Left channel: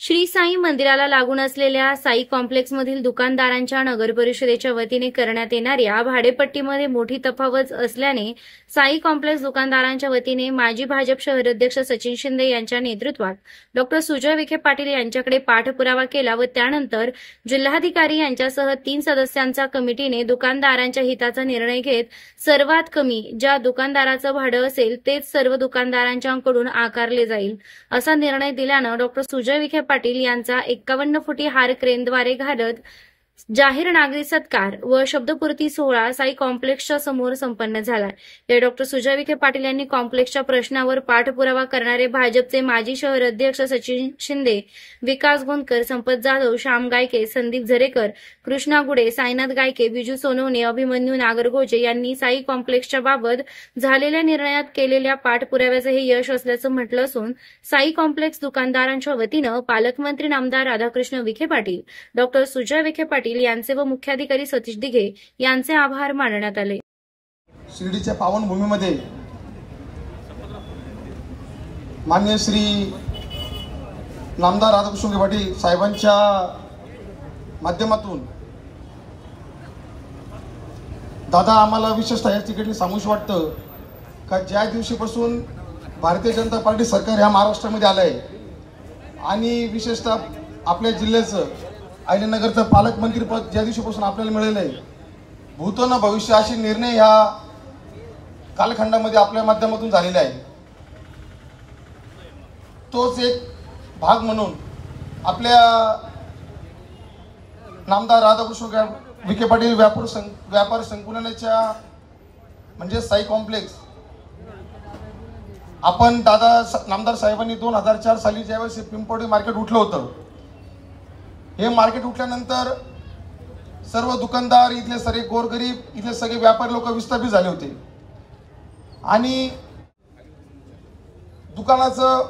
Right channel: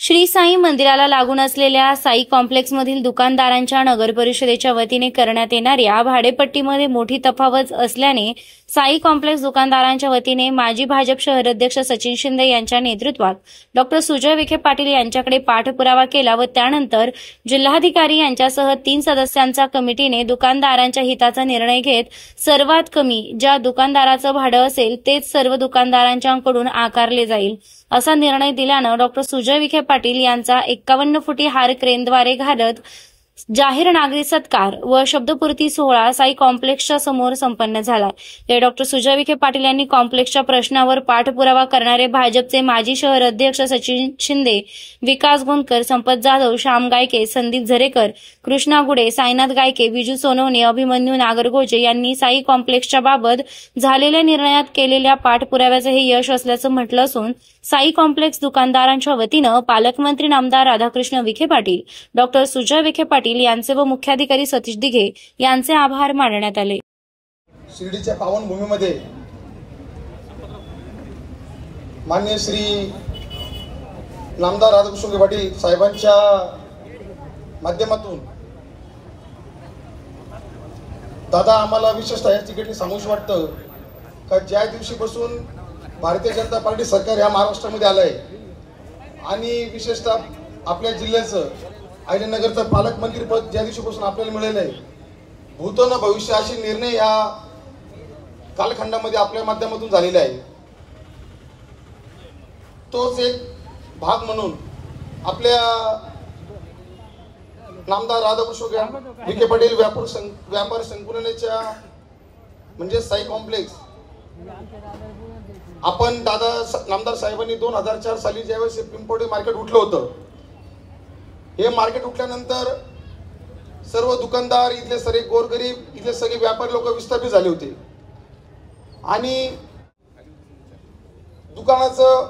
श्री साई मंदिराला लागून असलेल्या साई कॉम्प्लेक्समधील दुकानदारांच्या नगर परिषदेच्या वतीने करण्यात येणाऱ्या भाडेपट्टीमध्ये मोठी तफावत असल्याने साई कॉम्प्लेक्स दुकानदारांच्या वतीने माजी भाजप शहराध्यक्ष सचिन शिंदे यांच्या नेतृत्वात डॉक्टर सुजय विखे पाटील यांच्याकडे पाठपुरावा केला व त्यानंतर जिल्हाधिकारी यांच्यासह 3 सदस्यांच्या कमिटीने दुकानदारांच्या हिताचा निर्णय घेत सर्वात कमी ज्या दुकानदाराचं भाडं असेल तेच सर्व दुकानदारांच्याकडून आकारले जाईल असा निर्णय दिल्यानं डॉक्टर सुजय विखे पाटील यांचा 51 फुटी हार क्रेनद्वारे घालत जाहीर नागरी सत्कार व शब्दपूर्ती सोहळा साई कॉम्प्लेक्सच्या समोर संपन्न झाला। या डॉक्टर सुजय विखे पाटील यांनी कॉम्प्लेक्सच्या प्रश्नावर पाठपुरावा करणारे भाजपचे माजी शहर अध्यक्ष सचिन शिंदे, विकास गोंदकर, संपत जाधव, श्याम गायके, संदीप झरेकर, कृष्णा गुडे, साईनाथ गायके, विजू सोनवणे, अभिमन्यू नागरगोजे यांनी साई कॉम्प्लेक्सच्या बाबत झालेल्या निर्णयात केलेल्या पाठपुराव्याचे हे यश असल्याचं म्हटलं असून साई कॉम्प्लेक्स दुकानदारांच्या वतीनं पालकमंत्री नामदार राधाकृष्ण विखे पाटील, डॉक्टर सुजय विखे पाटील यांचे व मुख्याधिकारी सतीश दिघे यांचे आभार मानण्यात आले। शिर्डीच्या पावनभूमीमध्ये माननीय श्री नामदार राधाकृष्ण विखे पाटील साहेबांच्या माध्यमातून दादा आम्हाला विशेषतः या ठिकाणी सांगूश वाटतं का ज्या दिवशीपासून भारतीय जनता पार्टी सरकार या महाराष्ट्रामध्ये आलं आहे आणि विशेषतः आपल्या जिल्ह्याचं अहिल्यानगरचं पालकमंत्री पद ज्या दिवशीपासून आपल्याला मिळालं आहे, भूत न भविष्य असे निर्णय ह्या कालखंडामध्ये आपल्या माध्यमातून झालेले आहे। तोच एक भाग म्हणून आपल्या नामदार राधाकृष्ण विखे पाटील व्यापार संकुलाच्या म्हणजे साई कॉम्प्लेक्स आपण नामदार साहेबांनी 2004 साली ज्यावेळेस पिंपळगाव मार्केट उठलं होतं, हे मार्केट उठल्यानंतर सर्व दुकानदार, इथले सगळे गोरगरीब, इथले सगळे व्यापारी लोक विस्थापित झाले होते आणि दुकानाचं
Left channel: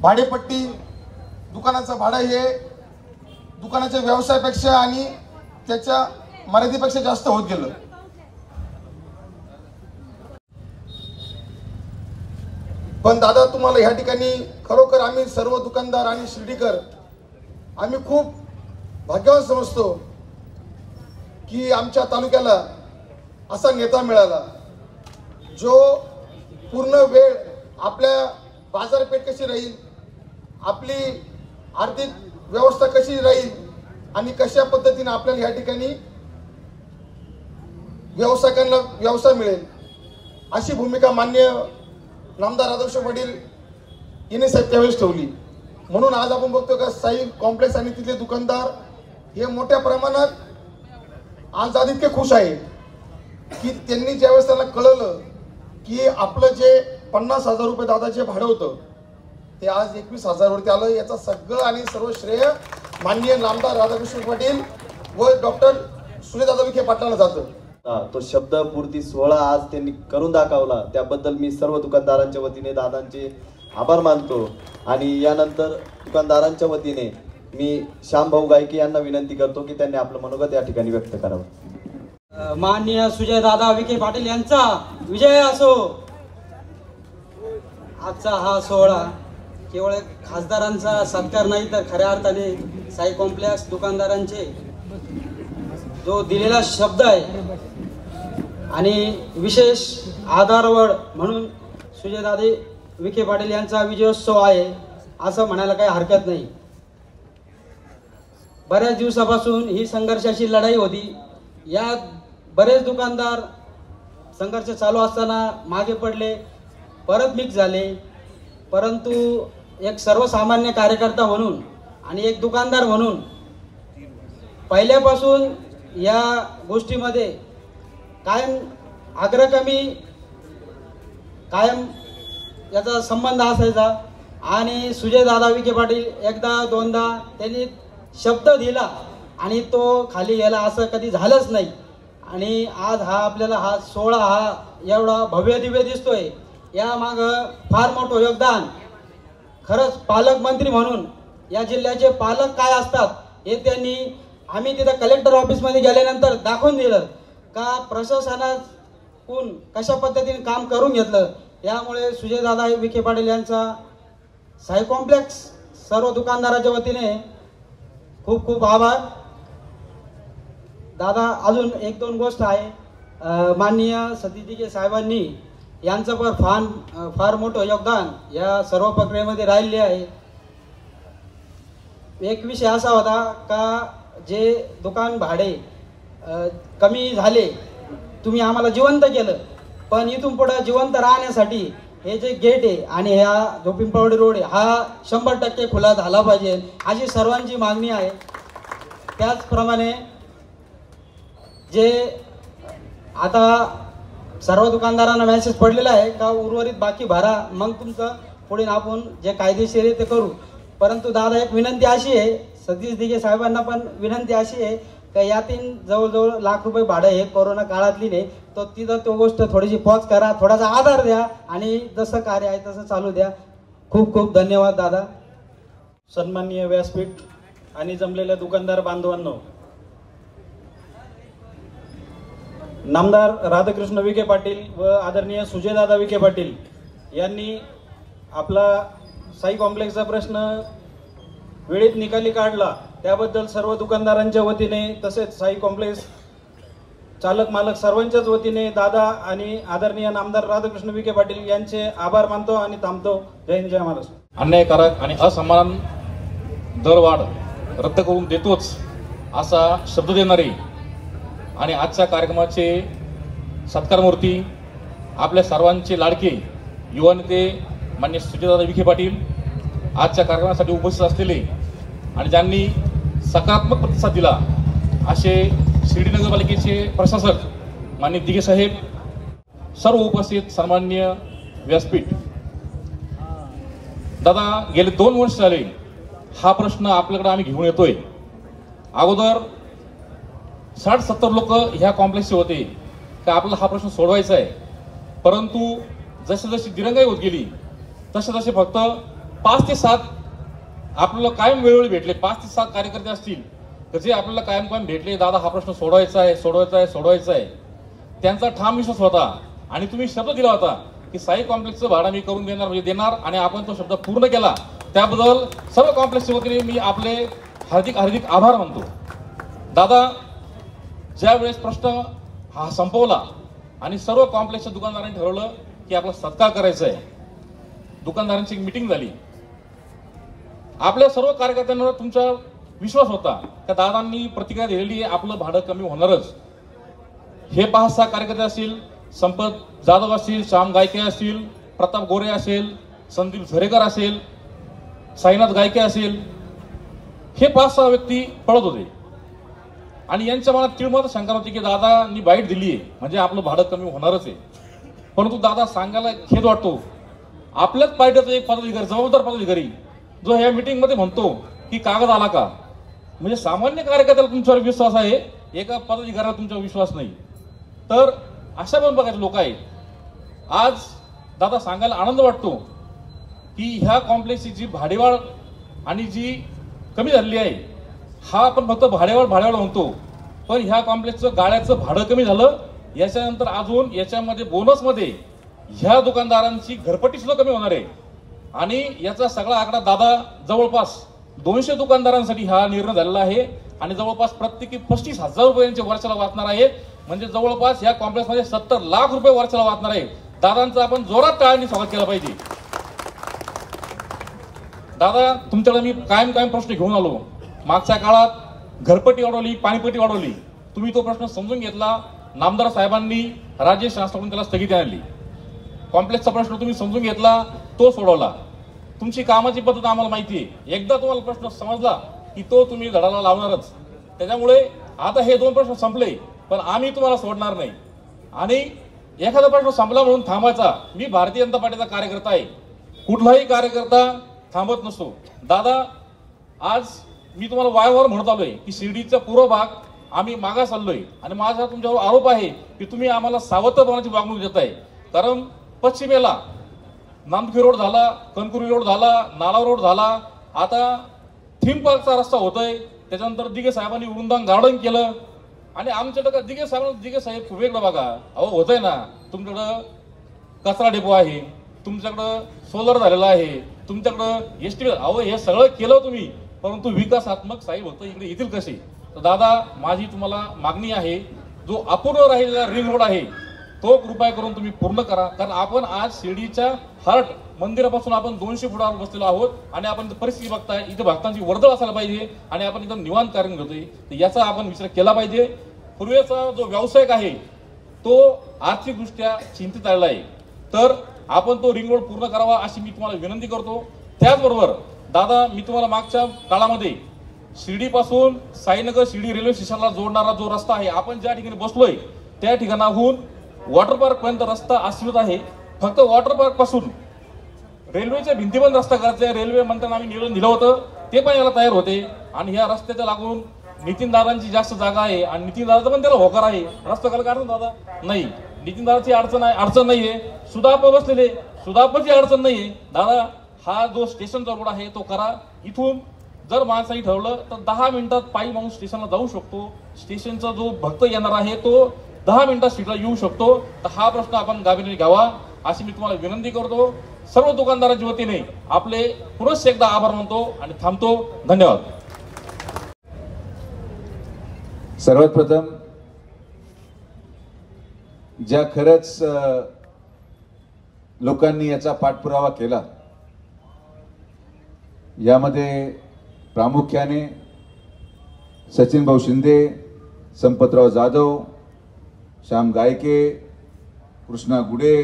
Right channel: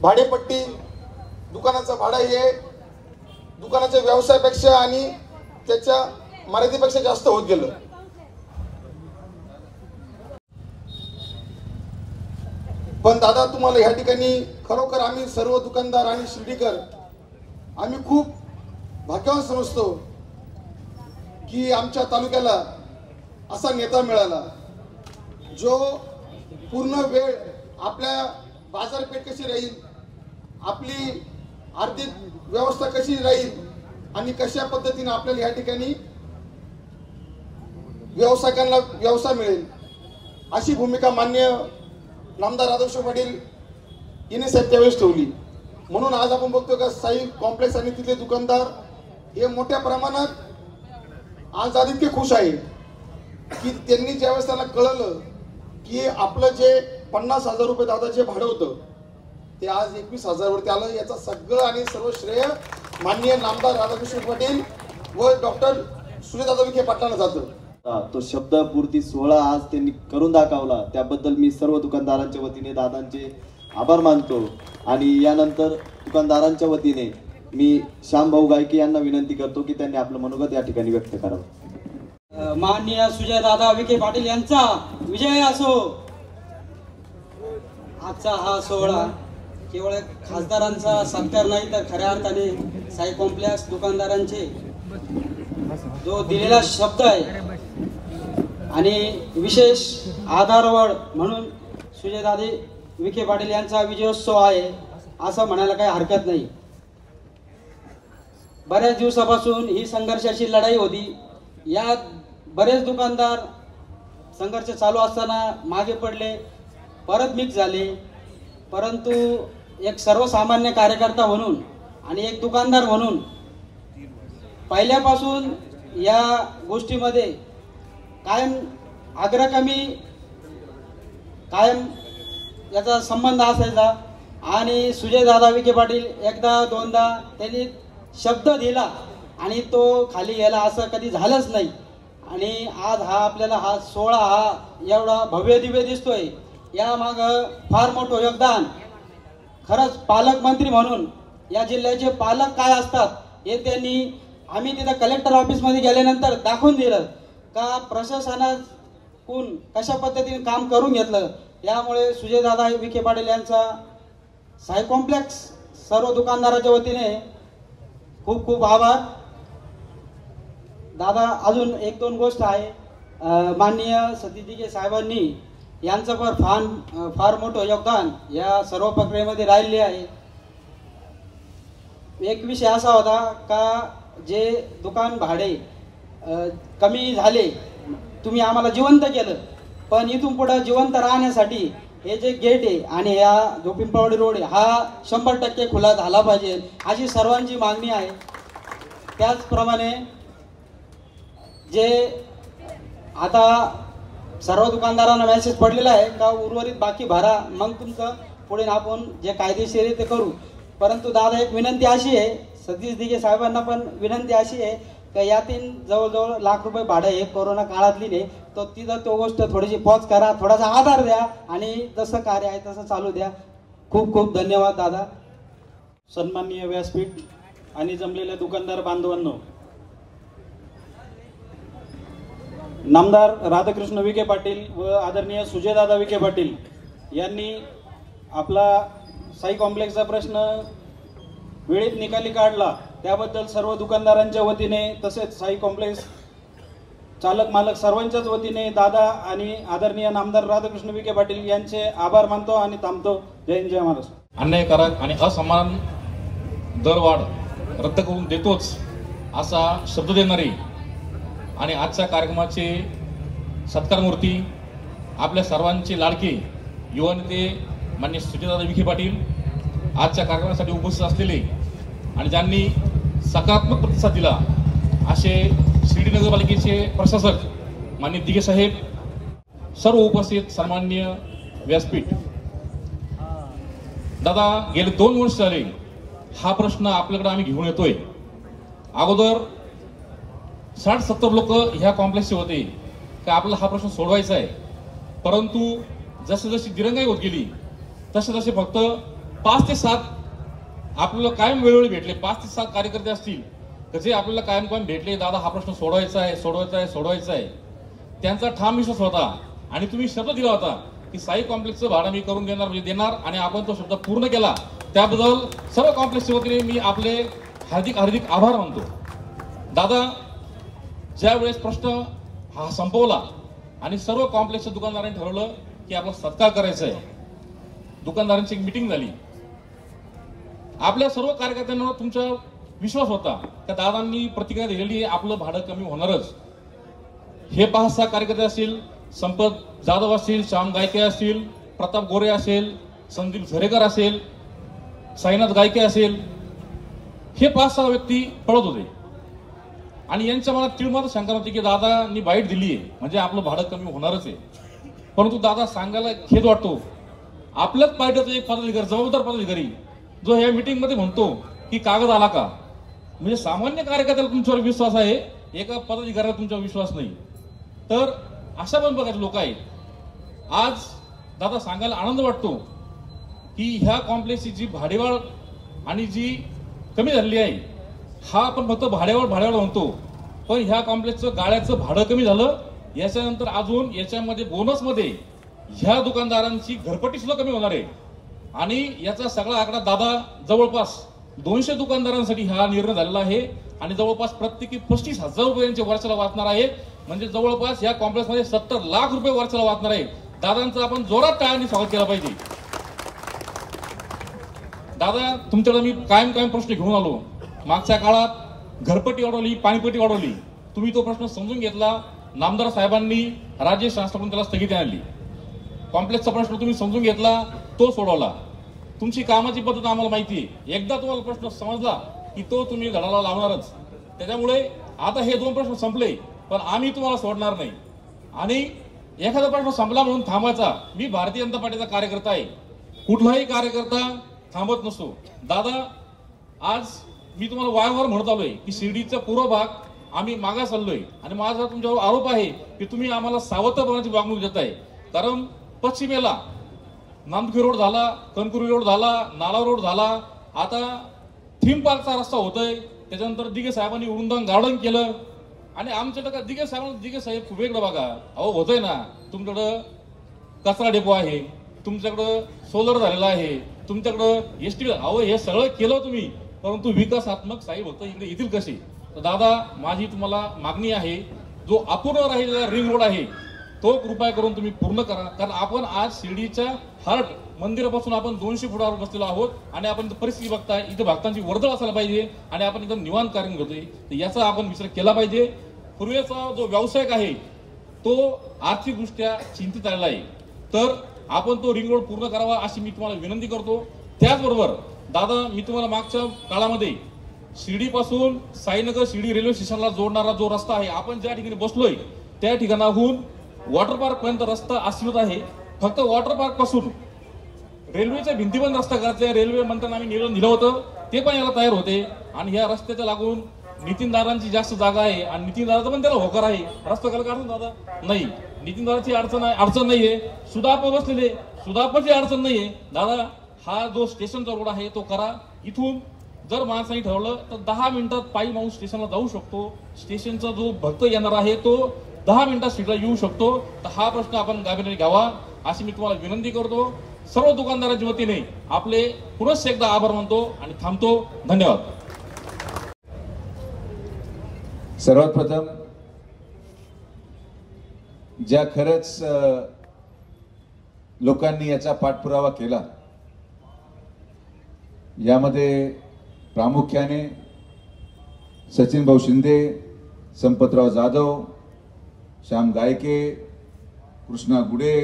भाडेपट्टी, दुकानाचं भाडं हे दुकानाच्या व्यवसायापेक्षा आणि त्याच्या मर्यादेपेक्षा जास्त होत गेलं। पण दादा तुम्हाला ह्या ठिकाणी खरोखर आम्ही सर्व दुकानदार आणि शिर्डीकर आम्ही खूप भाग्यवान समजतो की आमच्या तालुक्याला असा नेता मिळाला जो पूर्ण वेळ आपल्या बाजारपेठ कशी राहील, आपली आर्थिक व्यवस्था कशी राहील आणि कशा पद्धतीने आपल्याला या ठिकाणी व्यावसायिकांना व्यवसाय मिळेल अशी भूमिका मान्य नामदार राधाकृष्ण पाटील यांनी साहेब त्यावेळेस ठेवली। म्हणून आज आपण बघतो का साई कॉम्प्लेक्स आणि तिथले दुकानदार हे मोठ्या प्रमाणात आज इतके खुश आहे की त्यांनी ज्यावेळेस त्यांना कळलं की आपलं जे 50,000 रुपये दादाचे भाडं होतं ते आज 21,000 वरती आलं। याचा सगळं आणि सर्व श्रेय माननीय नामदार राधाकृष्ण पाटील व डॉक्टर सुजयदादा विखे पाटलांना जातं। तो शब्दपूर्ती सोहळा आज त्यांनी करून दाखवला, त्याबद्दल मी सर्व दुकानदारांच्या वतीने दादांचे आभार मानतो आणि यानंतर दुकानदारांच्या वतीने मी श्यामभाऊ गायके यांना विनंती करतो की त्यांनी आपलं मनोगत या ठिकाणी व्यक्त करावं। माननीय सुजयदादा विखे पाटील यांचा विजय असो। आजचा हा सोहळा केवळ खासदारांचा सत्कार नाही तर खऱ्या अर्थाने साई कॉम्प्लेक्स दुकानदारांचे जो दिलेला शब्द आहे आणि विशेष आधारवड म्हणून सुजयदादा विखे पाटील यांचा विजयोत्सव आहे असं म्हणायला काही हरकत नाही। बऱ्याच दिवसापासून ही संघर्षाची लढाई होती, यात बरेच दुकानदार संघर्ष चालू असताना मागे पडले, परत मिक्स झाले, परंतु एक सर्वसामान्य कार्यकर्ता म्हणून आणि एक दुकानदार म्हणून पहिल्यापासून या गोष्टीमध्ये कायम अग्रगामी कायम याचा संबंध असायचा आणि सुजयदादा विखे पाटील एकदा दोनदा त्यांनी शब्द दिला आणि तो खाली गेला असं कधी झालंच नाही। आणि आज हा आपल्याला हा सोहळा हा एवढा भव्य दिव्य दिसतोय, या मागं फार मोठं योगदान खरंच पालकमंत्री म्हणून या जिल्ह्याचे पालक काय असतात हे त्यांनी आम्ही तिथं कलेक्टर ऑफिसमध्ये गेल्यानंतर दाखवून दिलं का प्रशासनातून कशा पद्धतीने काम करून घेतलं। यामुळे सुजयदादा विखे पाटील यांचा साई कॉम्प्लेक्स सर्व दुकानदाराच्या वतीने खूप खूप आभार. दादा, अजून एक दोन गोष्ट आहे. माननीय सतीश दिघे साहेबांनी यांचं पण फार मोठं योगदान या सर्व प्रक्रियेमध्ये राहिले आहे. एक विषय असा होता का जे दुकान भाडे कमी झाले, तुम्ही आम्हाला जिवंत केलं, पण इथून पुढे जिवंत राहण्यासाठी हे जे गेट आहे आणि हा जो पिंपळवाडी रोड आहे हा 100% खुला झाला पाहिजे अशी सर्वांची मागणी आहे. त्याचप्रमाणे जे आता सर्व दुकानदारांना मेसेज पडलेला आहे का उर्वरित बाकी भरा, मग तुमचं पुढे आपण जे कायदेशीर आहे ते करू. परंतु दादा, एक विनंती अशी आहे, सतीश दिघे साहेबांना पण विनंती अशी आहे का यातील जवळजवळ ₹1,00,000 भाडं आहे, कोरोना काळातली नाही, तर तिथं तो गोष्ट थोडीशी पॉज करा, थोडासा आधार द्या आणि जसं कार्य आहे तसं चालू द्या. खूप खूप धन्यवाद दादा. सन्माननीय व्यासपीठ आणि जमलेल्या दुकानदार बांधवांनो, नामदार राधाकृष्ण विखे पाटील व आदरणीय सुजयदादा विखे पाटील यांनी आपला साई कॉम्प्लेक्सचा प्रश्न वेळेत निकाली काढला, त्याबद्दल सर्व दुकानदारांच्या वतीने तसेच साई कॉम्प्लेक्स चालक मालक सर्वांच्याच वतीने दादा आणि आदरणीय नामदार राधाकृष्ण विखे पाटील यांचे आभार मानतो आणि थांबतो. जय हिंद, जय महाराष्ट्र. अन्यायकारक आणि असमान दरवाढ रद्द करून देतोच असा शब्द देणारी आणि आजच्या कार्यक्रमाचे सत्कारमूर्ती आपल्या सर्वांचे लाडके युवा नेते माननीय सुजयदादा विखे पाटील आजच्या कार्यक्रमासाठी उपस्थित असलेले आणि ज्यांनी सकारात्मक प्रतिसाद दिला असे शिर्डी नगरपालिकेचे प्रशासक माननीय दिघे साहेब, सर्व उपस्थित सन्माननीय व्यासपीठ. दादा, गेले 2 वर्ष झाले हा प्रश्न आपल्याकडे आम्ही घेऊन येतोय. अगोदर 60-70 लोक ह्या कॉम्प्लेक्सचे होते का आपल्याला हा प्रश्न सोडवायचा आहे, परंतु जसे जशी दिरंगाई होत गेली तसे तसे फक्त 5 ते 7 आपल्याला कायम वेळोवेळी भेटले. 5 ते 7 कार्यकर्ते असतील तर जे आपल्याला कायम भेटले, दादा हा प्रश्न सोडवायचा आहे. त्यांचा ठाम विश्वास होता आणि तुम्ही शब्द दिला होता की साई कॉम्प्लेक्सचं भाडं मी करून देणार म्हणजे देणार, आणि आपण तो शब्द पूर्ण केला. त्याबद्दल सर्व कॉम्प्लेक्सच्या वतीने मी आपले हार्दिक आभार मानतो. दादा, ज्या वेळेस प्रश्न हा संपवला आणि सर्व कॉम्प्लेक्सच्या दुकानदारांनी ठरवलं की आपला सत्कार करायचा आहे, दुकानदारांची एक मीटिंग झाली. आपल्या सर्व कार्यकर्त्यांवर तुमचा विश्वास होता त्या दादांनी प्रतिक्रिया दिलेली आहे, आपलं भाडं कमी होणारच. हे 5-6 कार्यकर्ते असतील, संपत जाधव असतील, श्याम गायके असतील, प्रताप गोरे असेल, संदीप झरेकर असेल, साईनाथ गायके असेल, हे 5-6 व्यक्ती पळत होते आणि यांच्या मनात तिळमत शंका होती की दादांनी बाईट दिली आहे म्हणजे आपलं भाडं कमी होणारच आहे. परंतु दादा, सांगायला खेद वाटतो, आपल्याच पार्टीचा एक पदाधिकारी, जबाबदार पदाधिकारी जो ह्या मीटिंग मध्ये म्हणतो की कागद आला का, म्हणजे सामान्य कार्यकर्त्याला तुमच्यावर विश्वास आहे, एका पदाधिकाऱ्याला तुमच्यावर विश्वास नाही. तर अशा पण बघायचे लोक आहेत. आज दादा, सांगायला आनंद वाटतो की ह्या कॉम्प्लेक्सची जी भाडेवाढ आणि जी कमी झालेली आहे, हा आपण फक्त भाडेवाढ म्हणतो, पण ह्या कॉम्प्लेक्सचं गाळ्याचं भाडं कमी झालं. याच्यानंतर अजून याच्यामध्ये बोनसमध्ये ह्या दुकानदारांची घरपट्टी सुद्धा कमी होणार आहे आणि याचा सगळा आकडा दादा जवळपास 200 दुकानदारांसाठी हा निर्णय झालेला आहे आणि जवळपास प्रत्येकी 35,000 रुपयांचे वर्षाला वाचणार आहे. म्हणजे जवळपास या कॉम्प्लेक्समध्ये 70 लाख रुपये वर्षाला वाचणार आहे. दादांचं आपण जोरात टाळ्यांनी स्वागत केलं पाहिजे. दादा, तुमच्याकडे मी कायम प्रश्न घेऊन आलो. मागच्या काळात घरपट्टी वाढवली, पाणीपट्टी वाढवली, तुम्ही तो प्रश्न समजून घेतला. नामदार साहेबांनी राज्य शासनाकडून त्याला स्थगिती आणली. कॉम्प्लेक्सचा प्रश्न तुम्ही समजून घेतला, तो सोडवला. तुमची कामाची पद्धत आम्हाला माहिती आहे. एकदा तुम्हाला प्रश्न समजला की तो तुम्ही धडाला लावणारच. त्याच्यामुळे आता हे 2 प्रश्न संपले, पण आम्ही तुम्हाला सोडणार नाही आणि एखादा प्रश्न संपला म्हणून थांबायचा. मी भारतीय जनता पार्टीचा कार्यकर्ता आहे, कुठलाही कार्यकर्ता थांबत नसतो. दादा, आज मी तुम्हाला वारंवार म्हणत आलोय की शिर्डीचा पूर्व भाग आम्ही मागास चाललोय आणि माझा तुमच्यावर आरोप आहे की तुम्ही आम्हाला सावधपणाची वागणूक देताय. कारण पश्चिमेला नांदखी रोड झाला, कणकुरी रोड झाला, नाला रोड झाला, आता थीम पार्कचा रस्ता होतोय. त्याच्यानंतर दिघे साहेबांनी वृंदावन गार्डन केलं आणि आमच्याकडे दिघे साहेब खूप वेगळं बघा. अहो, होतंय ना, तुमच्याकडं कचरा डेपो आहे, तुमच्याकडं सोलर झालेला आहे, तुमच्याकडं एसटी अहो हे सगळं केलं तुम्ही, परंतु विकासात्मक साई भक्त इकडे येतील कसे? तर दादा माझी तुम्हाला मागणी आहे, जो अपूर्ण राहिलेला रिंग रोड आहे तो कृपया करून तुम्ही पूर्ण करा. कारण आपण आज शिर्डीच्या हार्ट मंदिरापासून आपण 200 फुटावर बसलेलो आहोत आणि आपण परिस्थिती बघताय, इथे भक्तांची वर्दळ असायला पाहिजे आणि आपण एकदम निवांत कार्य करतोय. तर याचा आपण विचार केला पाहिजे. पूर्वीचा जो व्यावसायिक आहे तो आर्थिकदृष्ट्या चिंतित आलेला आहे, तर आपण तो रिंग रोड पूर्ण करावा अशी मी तुम्हाला विनंती करतो. त्याचबरोबर दादा मी तुम्हाला मागच्या काळामध्ये शिर्डीपासून साईनगर शिर्डी रेल्वे स्टेशनला जोडणारा जो रस्ता आहे, आपण ज्या ठिकाणी बसलोय त्या ठिकाणाहून वॉटर पार्क पर्यंत रस्ता अस्तित्वात आहे. फक्त वॉटर पार्क पासून रेल्वेच्या भिंतीपर्यंत रस्ता करायचा. रेल्वे मंत्र्यांना आम्ही निवेदन दिलं होतं, ते पण याला तयार होते. आणि ह्या रस्त्याच्या लागून नितीनदारांची जास्त जागा आहे आणि नितीनदाराचा पण त्याला होकार आहे. रस्ता करायला अडचण दादा नाही, नितीनदाराची अडचण नाहीये. सुधापर बसलेले सुधापरची अडचण नाहीये. दादा हा जो स्टेशनचा रोड आहे तो करा. इथून जर माणसाने ठरवलं तर 10 मिनिटात पायी माणूस स्टेशनला जाऊ शकतो. स्टेशनचा जो भक्त येणार आहे तो 10 मिनिटात सीटला येऊ शकतो. तर हा प्रश्न आपण गांभीर्याने घ्यावा अशी मी तुम्हाला विनंती करतो. सर्व दुकानदारांच्या वतीने आपले पुनश्च एकदा आभार मानतो आणि थांबतो. धन्यवाद. सर्वात प्रथम ज्या खरंच लोकांनी याचा पाठपुरावा केला, यामध्ये प्रामुख्याने सचिन भाऊ शिंदे, संपतराव जाधव, श्याम गायके, कृष्णा गुडे,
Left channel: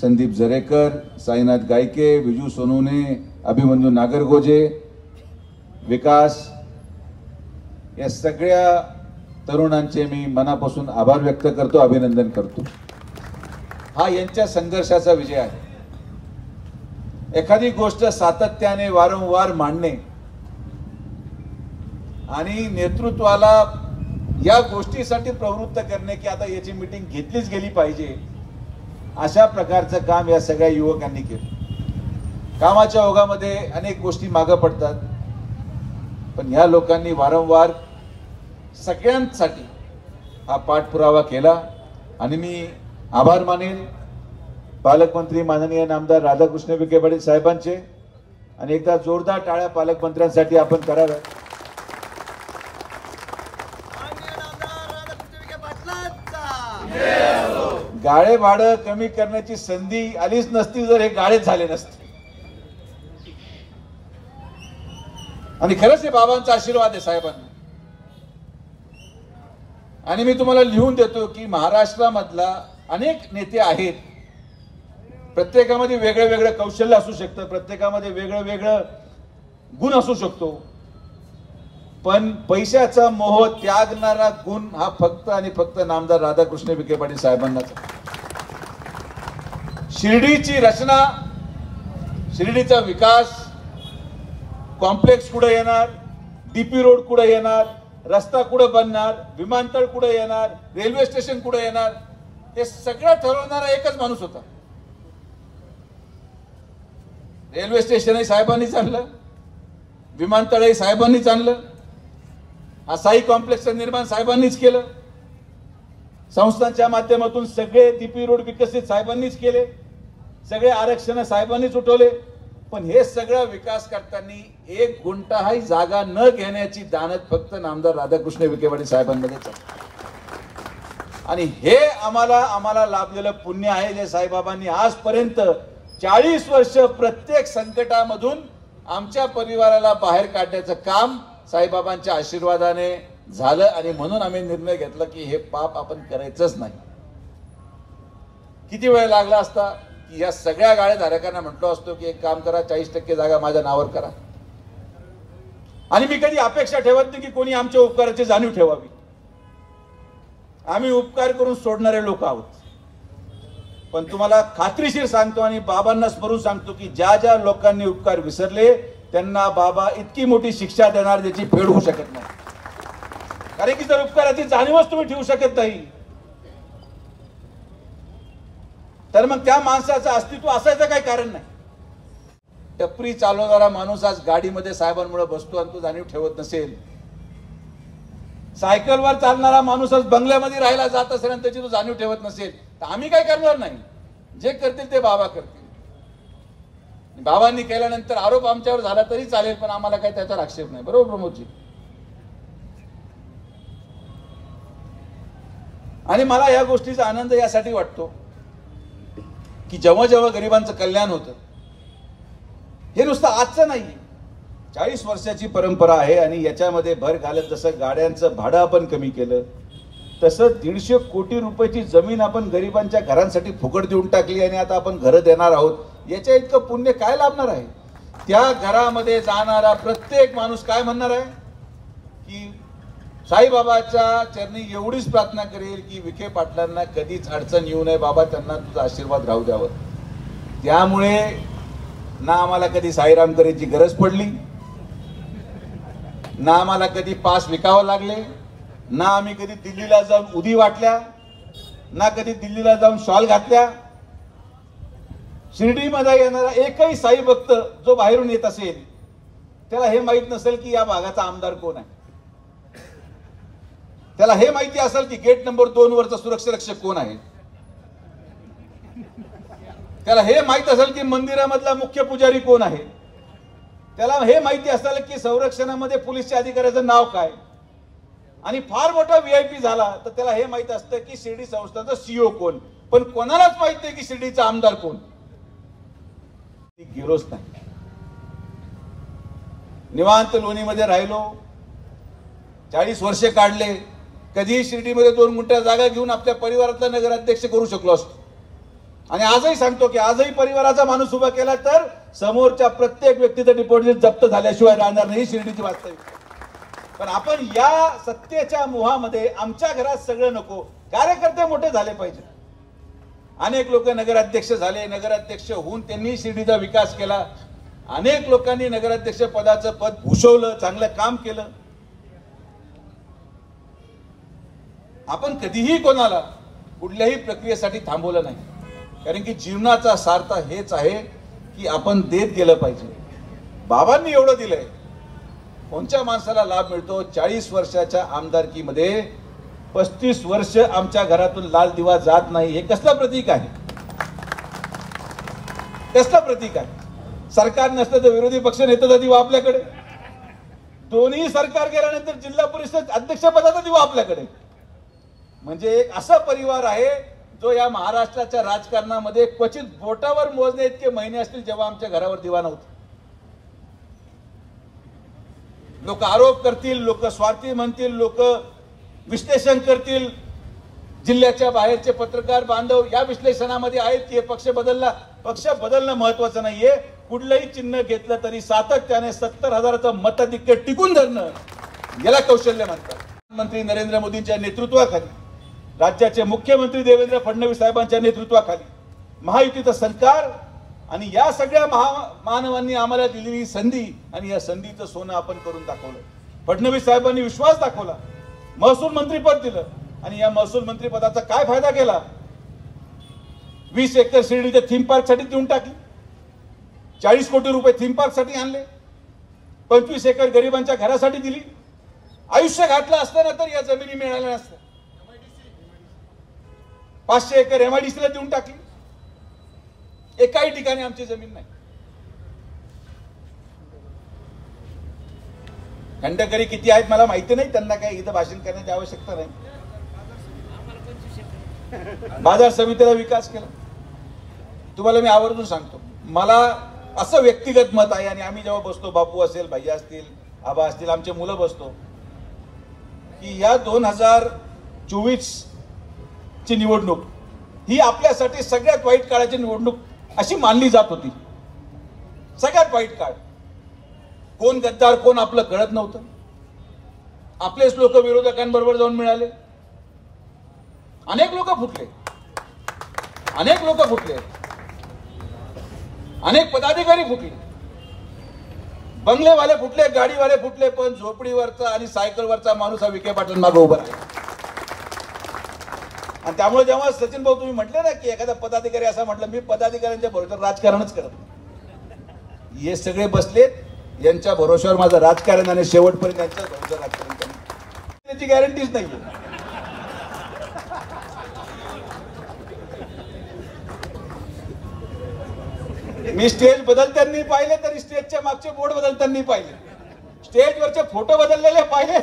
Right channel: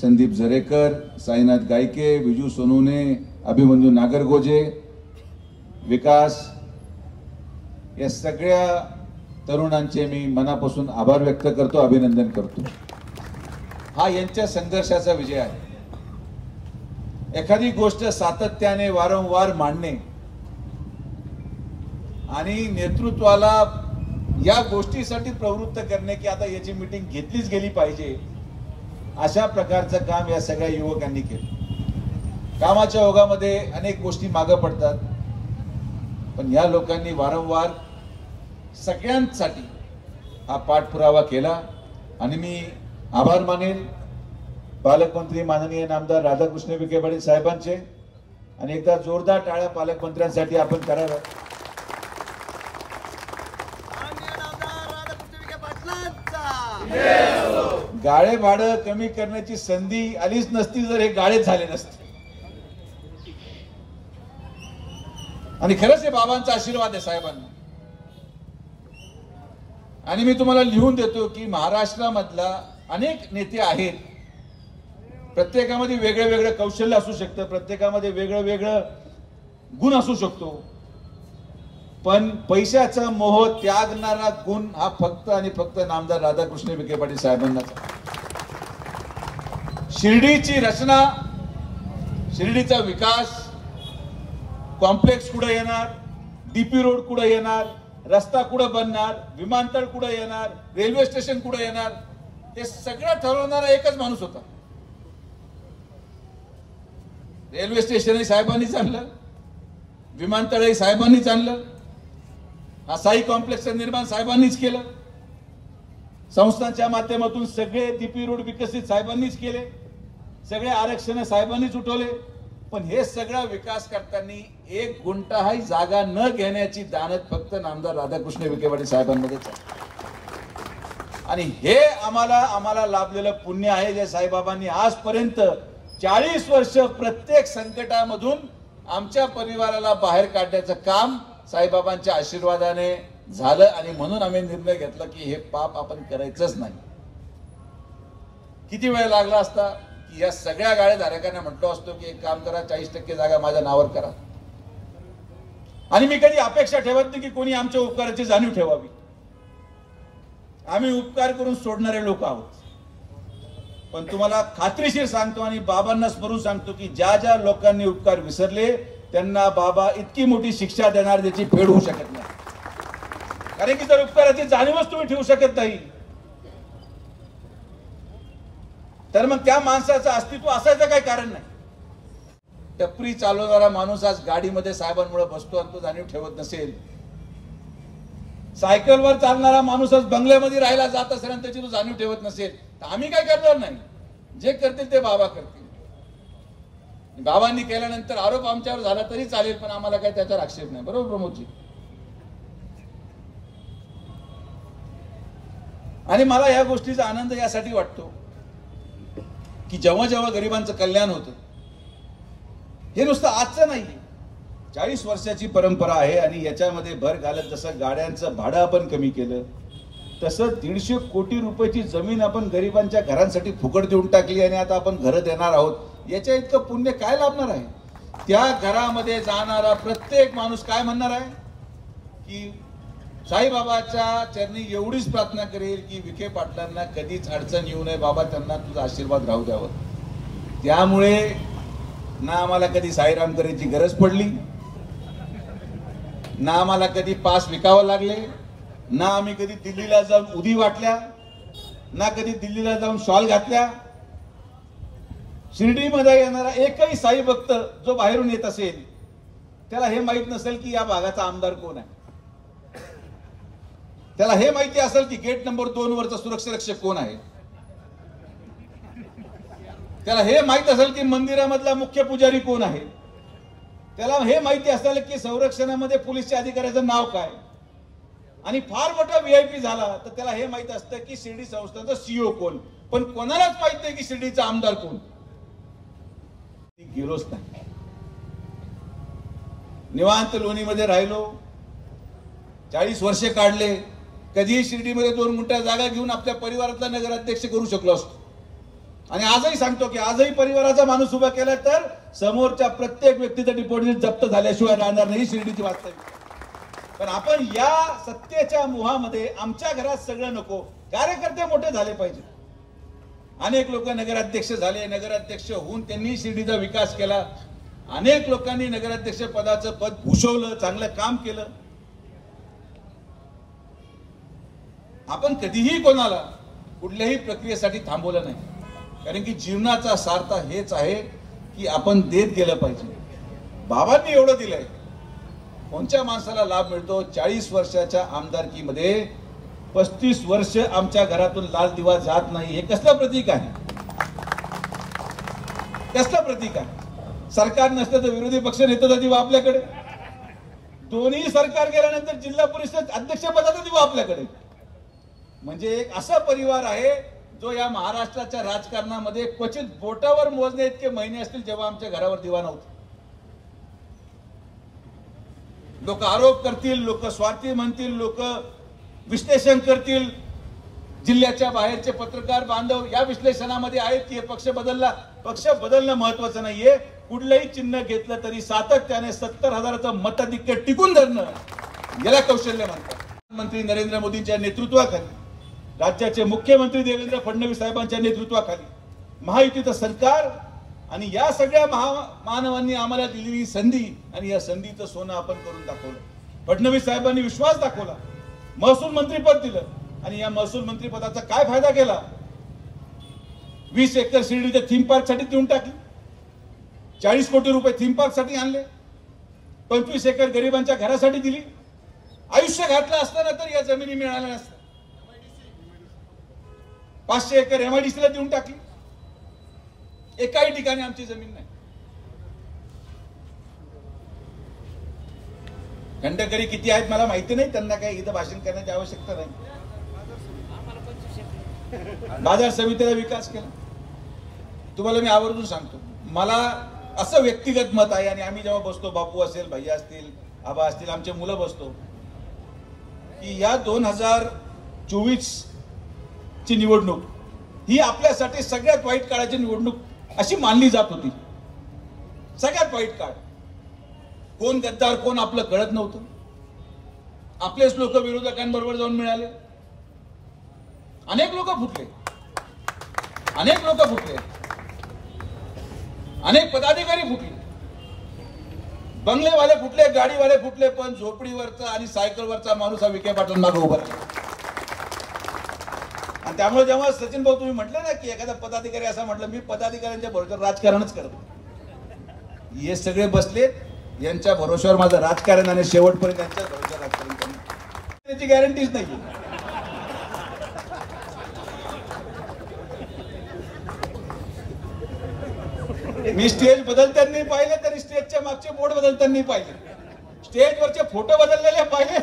संदीप जरेकर, साईनाथ गायके, विजू सोनवणे, अभिमन्यू नागरगोजे, विकास, या सगळ्या तरुणांचे मी मनापासून आभार व्यक्त करतो, अभिनंदन करतो. हा यांच्या संघर्षाचा विजय आहे. एखादी गोष्ट सातत्याने वारंवार मांडणे आणि नेतृत्वाला या गोष्टीसाठी प्रवृत्त करणे की आता याची मीटिंग घेतलीच गेली पाहिजे, अशा प्रकारचं काम या सगळ्या युवकांनी केलं. कामाच्या ओघामध्ये अनेक गोष्टी मागे पडतात, पण या लोकांनी वारंवार सगळ्यांसाठी हा पाठपुरावा केला आणि मी आभार मानेल पालकमंत्री माननीय नामदार राधाकृष्ण विखे पाटील साहेबांचे. आणि एकदा जोरदार टाळ्या पालकमंत्र्यांसाठी आपण कराव्या. गाळे भाडं कमी करण्याची संधी आलीच नसती जर हे गाळेच झाले नसते. आणि खरंच हे बाबांचा आशीर्वाद आहे साहेबांना. आणि मी तुम्हाला लिहून देतो की महाराष्ट्रामधला अनेक नेते आहेत, प्रत्येकामध्ये वेगळं वेगळं कौशल्य असू शकतं, प्रत्येकामध्ये वेगळं वेगळं गुण असू शकतो, पण पैशाचा मोह त्यागणारा गुण हा फक्त आणि फक्त नामदार राधाकृष्ण विखे पाटील साहेबांनाच. शिर्डीची रचना, शिर्डीचा विकास, कॉम्प्लेक्स कुठे येणार, डीपी रोड कुठे येणार, रस्ता कुठे बनणार, विमानतळ कुठे येणार, रेल्वे स्टेशन कुठे येणार, हे सगळं ठरवणारा एकच माणूस होता. रेल्वे स्टेशनही साहेबांनीच आणलं, विमानतळही साहेबांनीच आणलं, हा साई कॉम्प्लेक्सचं निर्माण साहेबांनीच केलं, संस्थांच्या माध्यमातून सगळे डीपी रोड विकसित साहेबांनीच केले, सगळे आरक्षण साहेबांनीच उठवले. पण हे सगळा विकास करताना 1 गुंठाही जागा न घेण्याची दानत फक्त नामदार राधाकृष्ण विखे पाटील साहेबांमध्येच आहे. आणि हे आम्हाला लाभलेलं पुण्य आहे, जे साईबाबांनी आजपर्यंत 40 वर्ष प्रत्येक संकटामधून आमच्या परिवाराला बाहेर काढण्याचं काम साईबाबांच्या आशीर्वादाने झालं. आणि म्हणून आम्ही निर्णय घेतला की हे पाप आपण करायचंच नाही. किती वेळ लागला असता की या सगळ्या गाळेधारकांना म्हटलो असतो की एक काम करा, 40% जागा माझ्या नावावर करा. आणि मी कधी अपेक्षा ठेवत नाही की कोणी आमच्या उपकाराची जाणीव ठेवावी. आम्ही उपकार करून सोडणारे लोक आहोत. पण तुम्हाला खात्रीशीर सांगतो आणि बाबांना स्मरून सांगतो की ज्या ज्या लोकांनी उपकार विसरले त्यांना बाबा इतकी मोठी शिक्षा देणार ज्याची फेड होऊ शकत नाही. कारण की जर उपकाराची जाणीवच तुम्ही ठेवू शकत नाही तर मग त्या माणसाचं अस्तित्व असायचं काही कारण नाही. टपरी चालवणारा माणूस आज गाडीमध्ये साहेबांमुळे बसतो आणि तो जाणीव ठेवत नसेल, सायकलवर चालणारा माणूस आज बंगल्यामध्ये राहायला जात असेल आणि त्याची तो जाणीव ठेवत नसेल, तर आम्ही काय करणार नाही. जे करतील ते बाबा करतील. बाबांनी केल्यानंतर आरोप आमच्यावर झाला तरी चालेल, पण आम्हाला काही त्याच्यावर आक्षेप नाही. बरोबर प्रमोदजी? आणि मला या गोष्टीचा आनंद यासाठी वाटतो की जेव्हा जेव्हा गरिबांचं कल्याण होतं, हे नुसतं आजचं नाही, 40 वर्षाची परंपरा आहे. आणि याच्यामध्ये भर घालत जसं गाड्यांचं भाडं आपण कमी केलं, तसं 150 कोटी रुपयाची जमीन आपण गरिबांच्या घरांसाठी फुकट देऊन टाकली आणि आता आपण घरं देणार आहोत. याच्या इतकं पुण्य काय लाभणार आहे? त्या घरामध्ये जाणारा प्रत्येक माणूस काय म्हणणार आहे की साईबाबाच्या चरणी एवढीच प्रार्थना करेल की विखे पाटलांना कधीच अडचण येऊ नये बाबा, त्यांना तुझा आशीर्वाद राहू द्यावं. त्यामुळे ना आम्हाला कधी साईराम करायची गरज पडली, ना आम्हाला कधी पास विकावं लागले, ना आम्ही कधी दिल्लीला जाऊन उदी वाटल्या, ना कधी दिल्लीला जाऊन शॉल घातल्या. शिर्डीमध्ये येणारा एकही साई भक्त जो बाहेरून येत असेल त्याला हे माहित नसेल की या भागाचा आमदार कोण आहे. त्याला हे माहिती असेल की गेट नंबर 2 वरचा सुरक्षा रक्षक कोण आहे. त्याला हे माहित असेल की मंदिरामधला मुख्य पुजारी कोण आहे. त्याला हे माहिती असेल की संरक्षणामध्ये पोलीसच्या अधिकाऱ्याचं नाव काय. आणि फार मोठा VIP झाला तर त्याला हे माहित असतं की शिर्डी संस्थानचा CEO कोण. पण कोणालाच माहित नाही की शिर्डीचा आमदार कोण. गेलोच नाही. निवांत लोणीमध्ये राहिलो, 40 वर्षे काढले. कधीही शिर्डीमध्ये 2 गुंठा जागा घेऊन आपल्या परिवारातला नगराध्यक्ष करू शकलो असतो. आणि आजही सांगतो की आजही परिवाराचा माणूस उभा केला तर समोरच्या प्रत्येक व्यक्तीचं डिपॉझिट जप्त झाल्याशिवाय राहणार नाही. शिर्डीची वास्तविकता. पण आपण या सत्तेच्या मोहामध्ये आमच्या घरात सगळं नको, कार्यकर्ते मोठे झाले पाहिजे. अनेक लोक नगराध्यक्ष झाले, नगराध्यक्ष होऊन त्यांनी शिर्डीचा विकास केला. अनेक लोकांनी नगराध्यक्ष पदाचं पद भूषवलं, चांगलं काम केलं. आपण कधीही कोणाला कुठल्याही प्रक्रियेसाठी थांबवलं नाही, कारण की जीवनाचा सार्थ हेच आहे की आपण देत गेलं पाहिजे. बाबांनी एवढं दिलंय, कोणत्या माणसाला लाभ मिळतो? 40 वर्षाच्या आमदारकीमध्ये 35 वर्ष आमच्या घरातून लाल दिवा जात नाही. हे कसलं प्रतीक आहे? कसलं प्रतीक आहे? सरकार नसतं तर विरोधी पक्ष नेत्याचा दिवा आपल्याकडे, दोन्ही सरकार गेल्यानंतर जिल्हा परिषद अध्यक्षपदाचा दिवा आपल्याकडे. म्हणजे एक असा परिवार आहे जो या महाराष्ट्राच्या राजकारणामध्ये क्वचित बोटावर मोजणे इतके महिने असतील जेव्हा आमच्या घरावर दिवा नव्हता. लोक आरोप करतील, लोक स्वार्थी म्हणतील, लोक विश्लेषण करतील. जिल्ह्याच्या बाहेरचे पत्रकार बांधव या विश्लेषणामध्ये आहेत की पक्ष बदलला. पक्ष बदलणं महत्वाचं नाहीये. कुठलंही चिन्ह घेतलं तरी सातत्याने 70,000चं मताधिक्य टिकून धरणं याला कौशल्य म्हणतात. मंत्री नरेंद्र मोदींच्या नेतृत्वाखाली, राज्याचे मुख्यमंत्री देवेंद्र फडणवीस साहेबांच्या नेतृत्वाखाली महायुतीचं सरकार आणि या सगळ्या मानवांनी आम्हाला दिलेली संधी, आणि या संधीचं सोनं आपण करून दाखवलं. फडणवीस साहेबांनी विश्वास दाखवला, महसूल मंत्रीपद दिलं. आणि या महसूल मंत्रीपदाचा काय फायदा केला? 20 एकर शिर्डीच्या थीम पार्क साठी देऊन टाकली. 40 कोटी रुपये थीम पार्क साठी आणले. 25 एकर गरिबांच्या घरासाठी दिली. आयुष्य घातलं असताना तर या जमिनी मिळाल्या नसत्या. 500 एकर MIDC ला देऊन टाकली. एकाही ठिकाणी आमची जमीन नाही. खंडकरी किती आहेत मला माहिती नाही, त्यांना काही इथं भाषण करण्याची आवश्यकता नाही. बाजार समितीला विकास केला. तुम्हाला मी आवर्जून सांगतो, मला असं व्यक्तिगत मत आहे, आणि आम्ही जेव्हा बसतो, बापू असेल, भैया असतील, आबा असतील, आमचे मुलं बसतो, की या 2024 ची निवडणूक ही आपल्यासाठी सगळ्यात वाईट काळाची निवडणूक अशी मानली जात होती. सगळ्यात वाईट काळ. कोण गद्दार कोण आपलं कळत नव्हतं. आपलेच लोक विरोधकांबरोबर जाऊन मिळाले. अनेक लोक फुटले, अनेक लोक फुटले, अनेक पदाधिकारी फुटले, बंगलेवाले फुटले, गाडीवाले फुटले, पण झोपडीवरचा आणि सायकलवरचा माणूस हा विखे पाटील मागे उभा राहिला. आणि त्यामुळे जेव्हा सचिन भाऊ तुम्ही म्हटले ना की एखादा पदाधिकारी असा म्हटलं, मी पदाधिकाऱ्यांच्या भरोश्यावर राजकारणच करत नाही. हे सगळे बसलेत, यांच्या भरोश्यावर माझं राजकारण, आणि शेवटपर्यंत यांच्या भरोश्यावर राजकारण करणं त्याची गॅरंटीच नाही. मी स्टेज बदलताना पाहिले तरी स्टेजच्या मागचे बोर्ड बदलताना पाहिले, स्टेजवरचे फोटो बदललेले पाहिले,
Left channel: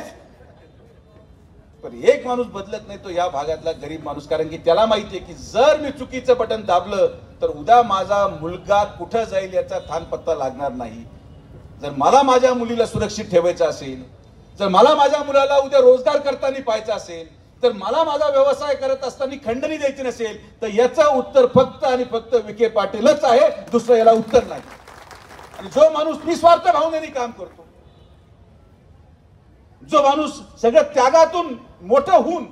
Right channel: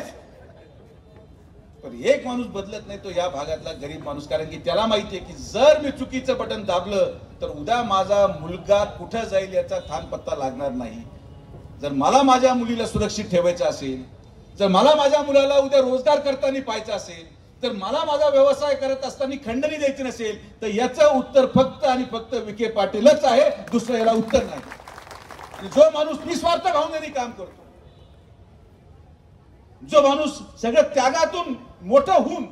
पण एक माणूस बदलत नाही, तो या भागातला गरीब माणूस. कारण की त्याला माहितीये की जर मी चुकीचं बटन दाबलं तर उद्या माझा मुलगा कुठं जाईल याचा थानपत्ता लागणार नाही. जर मला माझ्या मुलीला सुरक्षित ठेवायचं असेल, जर मला माझ्या मुलाला उद्या रोजगार करताना पाहायचा असेल, तर मला माझा व्यवसाय करत असताना खंडणी द्यायची नसेल, तर याचं उत्तर फक्त आणि फक्त विखे पाटीलच आहे, दुसरं याला उत्तर नाही. आणि जो माणूस निस्वार्थ भावनेने काम करतो, जो माणूस सगळ्या त्यागातून मोठं होऊन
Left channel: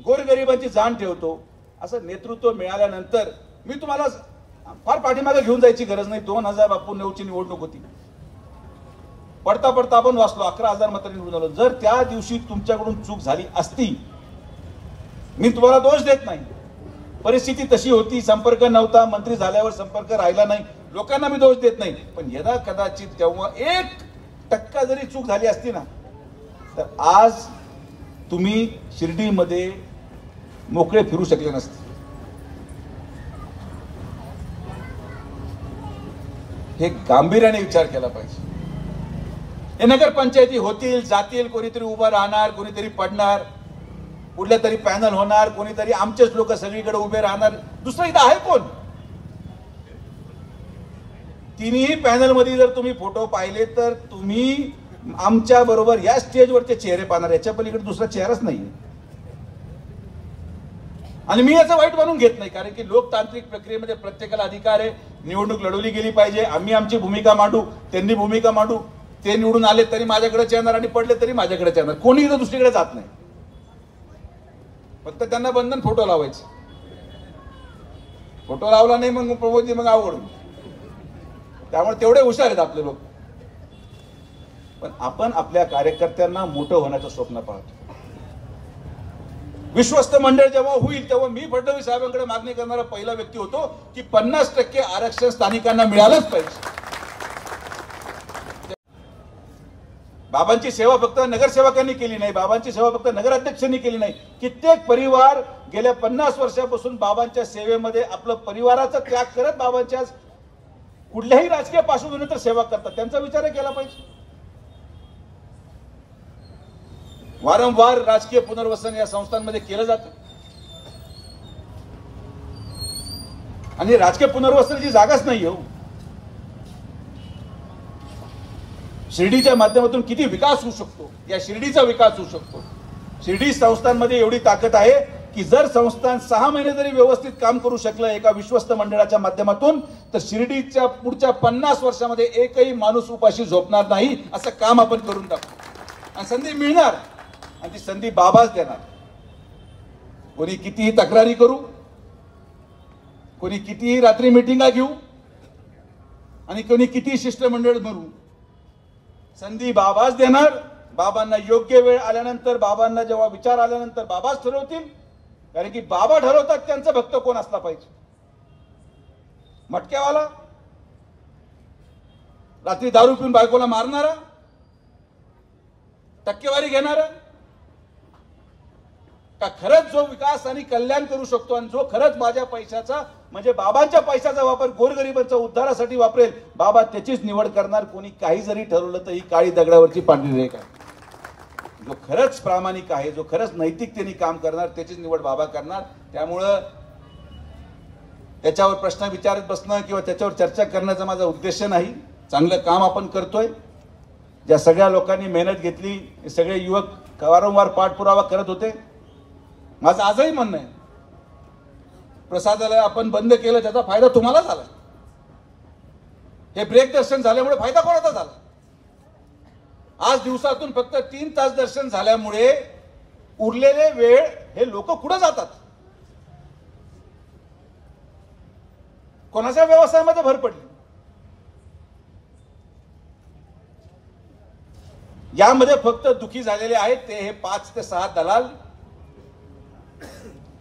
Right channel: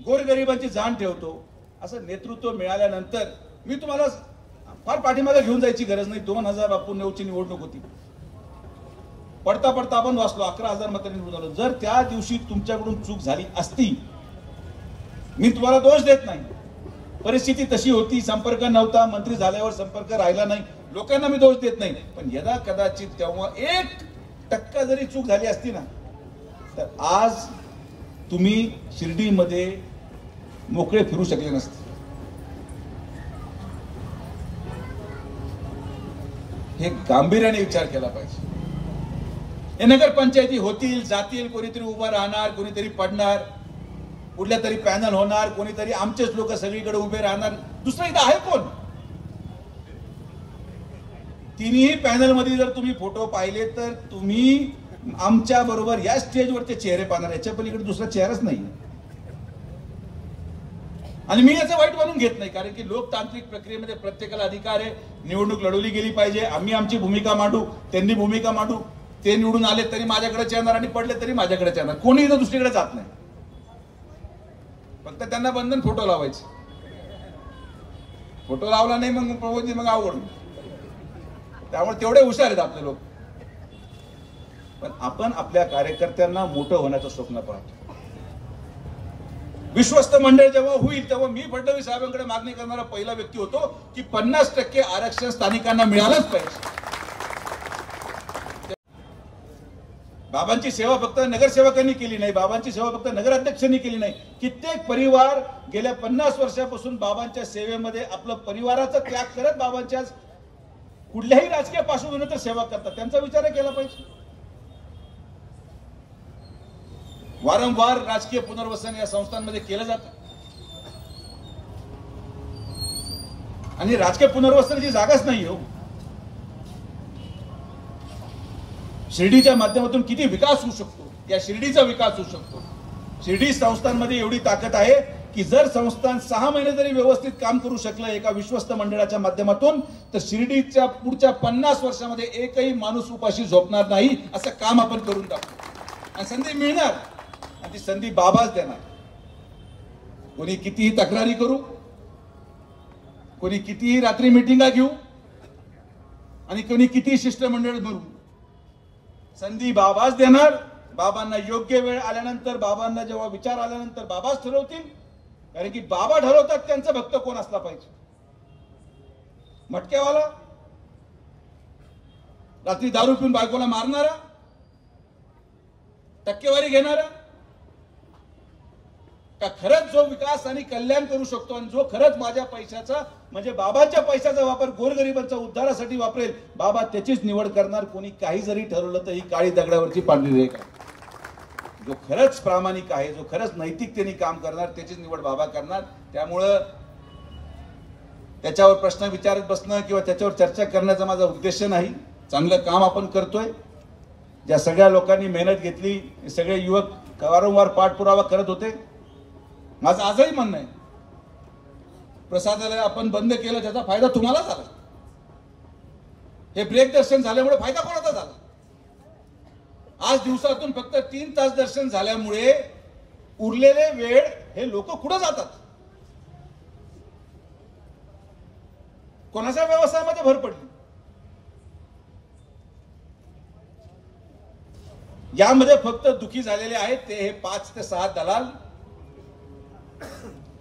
गोरगरिबांची जाण ठेवतो, असं नेतृत्व मिळाल्यानंतर मी तुम्हाला फार पाठीमागे घेऊन जायची गरज नाही. 2009ची निवडणूक होती, पडता पडता आपण वाचलो 11,000 मतांनी निवडून आलो. जर त्या दिवशी तुमच्याकडून चूक झाली असती, मी तुम्हाला दोष देत नाही, परिस्थिती तशी होती, संपर्क नव्हता, मंत्री झाल्यावर संपर्क राहिला नाही, लोकांना मी दोष देत नाही, पण यदा कदाचित तेव्हा 1% जरी चूक झाली असती ना, तर आज तुम्ही शिर्डीमध्ये मोकळे फिरू शकले नसते. हे गांभीर्याने विचार केला पाहिजे. हे नगरपंचायती होतील, जातील, कोणीतरी उभं राहणार, कोणीतरी पडणार, कुठल्या तरी पॅनल होणार, कोणीतरी आमचेच लोक सगळीकडे उभे राहणार, दुसरं इथं आहे कोण? तिन्ही पॅनल मध्ये जर तुम्ही फोटो पाहिले तर तुम्ही आमच्या बरोबर या स्टेजवरचे चेहरे पाहणार, याच्या पलीकडे दुसरा चेहराच नाही. आणि मी याचं वाईट बनवून घेत नाही, कारण की लोकतांत्रिक प्रक्रियेमध्ये प्रत्येकाला अधिकार आहे, निवडणूक लढवली गेली पाहिजे, आम्ही आमची भूमिका मांडू, त्यांनी भूमिका मांडू, ते निवडून आले तरी माझ्याकडेच येणार आणि पडले तरी माझ्याकडेच येणार, कोणी इथं दुसरीकडे जात नाही. फक्त त्यांना बंधन फोटो लावायचे, फोटो लावला नाही मग प्रबोधनी मग अवघड. त्यामुळे तेवढे हुशार आहेत आपले लोक. पण आपण आपल्या कार्यकर्त्यांना मोठं होण्याचं स्वप्न पाहतो. विश्वस्त मंडळ जेव्हा होईल तेव्हा मी फडणवीस साहेबांकडे मागणी करणारा पहिला व्यक्ती होतो की 50% आरक्षण स्थानिकांना मिळालंच पाहिजे. बाबांची सेवा फक्त नगरसेवकांनी केली नाही, बाबांची सेवा फक्त नगराध्यक्षांनी केली नाही. कित्येक परिवार गेल्या 50 वर्षापासून बाबांच्या सेवेमध्ये आपलं परिवाराचा त्याग करत बाबांच्या कुठल्याही राजकीय पार्श्वभूमीवर सेवा करतात. त्यांचा विचार केला पाहिजे. वारंवार राजकीय पुनर्वसन या संस्थांमध्ये केलं जातं आणि राजकीय पुनर्वसनाची जागाच नाही हो. शिर्डीच्या माध्यमातून किती विकास होऊ शकतो, या शिर्डीचा विकास होऊ शकतो. शिर्डी संस्थांमध्ये एवढी ताकद आहे की जर संस्थान 6 महिने जरी व्यवस्थित काम करू शकलं एका विश्वस्त मंडळाच्या माध्यमातून, तर शिर्डीच्या पुढच्या 50 वर्षामध्ये एकही माणूस उपाशी झोपणार नाही, असं काम आपण करून टाकू. आणि संधी मिळणार आणि ती संधी बाबाच देणार. कोणी कितीही तक्रारी करू, कोणी कितीही रात्री मिटिंगा घेऊ आणि कोणी कितीही शिष्टमंडळ भरू, संधी बाबाच देणार. बाबांना योग्य वेळ आल्यानंतर, बाबांना जेव्हा विचार आल्यानंतर बाबाच ठरवतील. कारण की बाबा ठरवतात त्यांचा भक्त कोण असला पाहिजे. मटकेवाला, रात्री दारू पिऊन बायकोला मारणारा, टक्केवारी घेणारा, का खरंच जो विकास आणि कल्याण करू शकतो आणि जो खरंच माझ्या पैशाचा म्हणजे बाबाच्या पैशाचा वापर गोरगरिबांच्या उद्धारासाठी वापरेल, बाबा त्याचीच निवड करणार. कोणी काही जरी ठरवलं तर ही काळी दगडावरची पांढरी रेख आहे. जो खरंच प्रामाणिक आहे, जो खरंच नैतिकतेने काम करणार त्याचीच निवड बाबा करणार. त्यामुळं त्याच्यावर प्रश्न विचारत बसणं किंवा त्याच्यावर चर्चा करण्याचा माझा उद्देश नाही. चांगलं काम आपण करतोय. ज्या सगळ्या लोकांनी मेहनत घेतली, सगळे युवक वारंवार पाठपुरावा करत होते. माझं आजही म्हणणं आहे, प्रसादालय आपण बंद केलं त्याचा फायदा तुम्हाला झाला. हे ब्रेक दर्शन झाल्यामुळे फायदा कोणाचा झाला? आज दिवसातून फक्त 3 तास दर्शन झाल्यामुळे उरलेले वेळ हे लोक कुठे जातात? कोणाच्या व्यवसायामध्ये भर पडली? यामध्ये फक्त दुखी झालेले आहेत ते हे 5 ते 6 दलाल.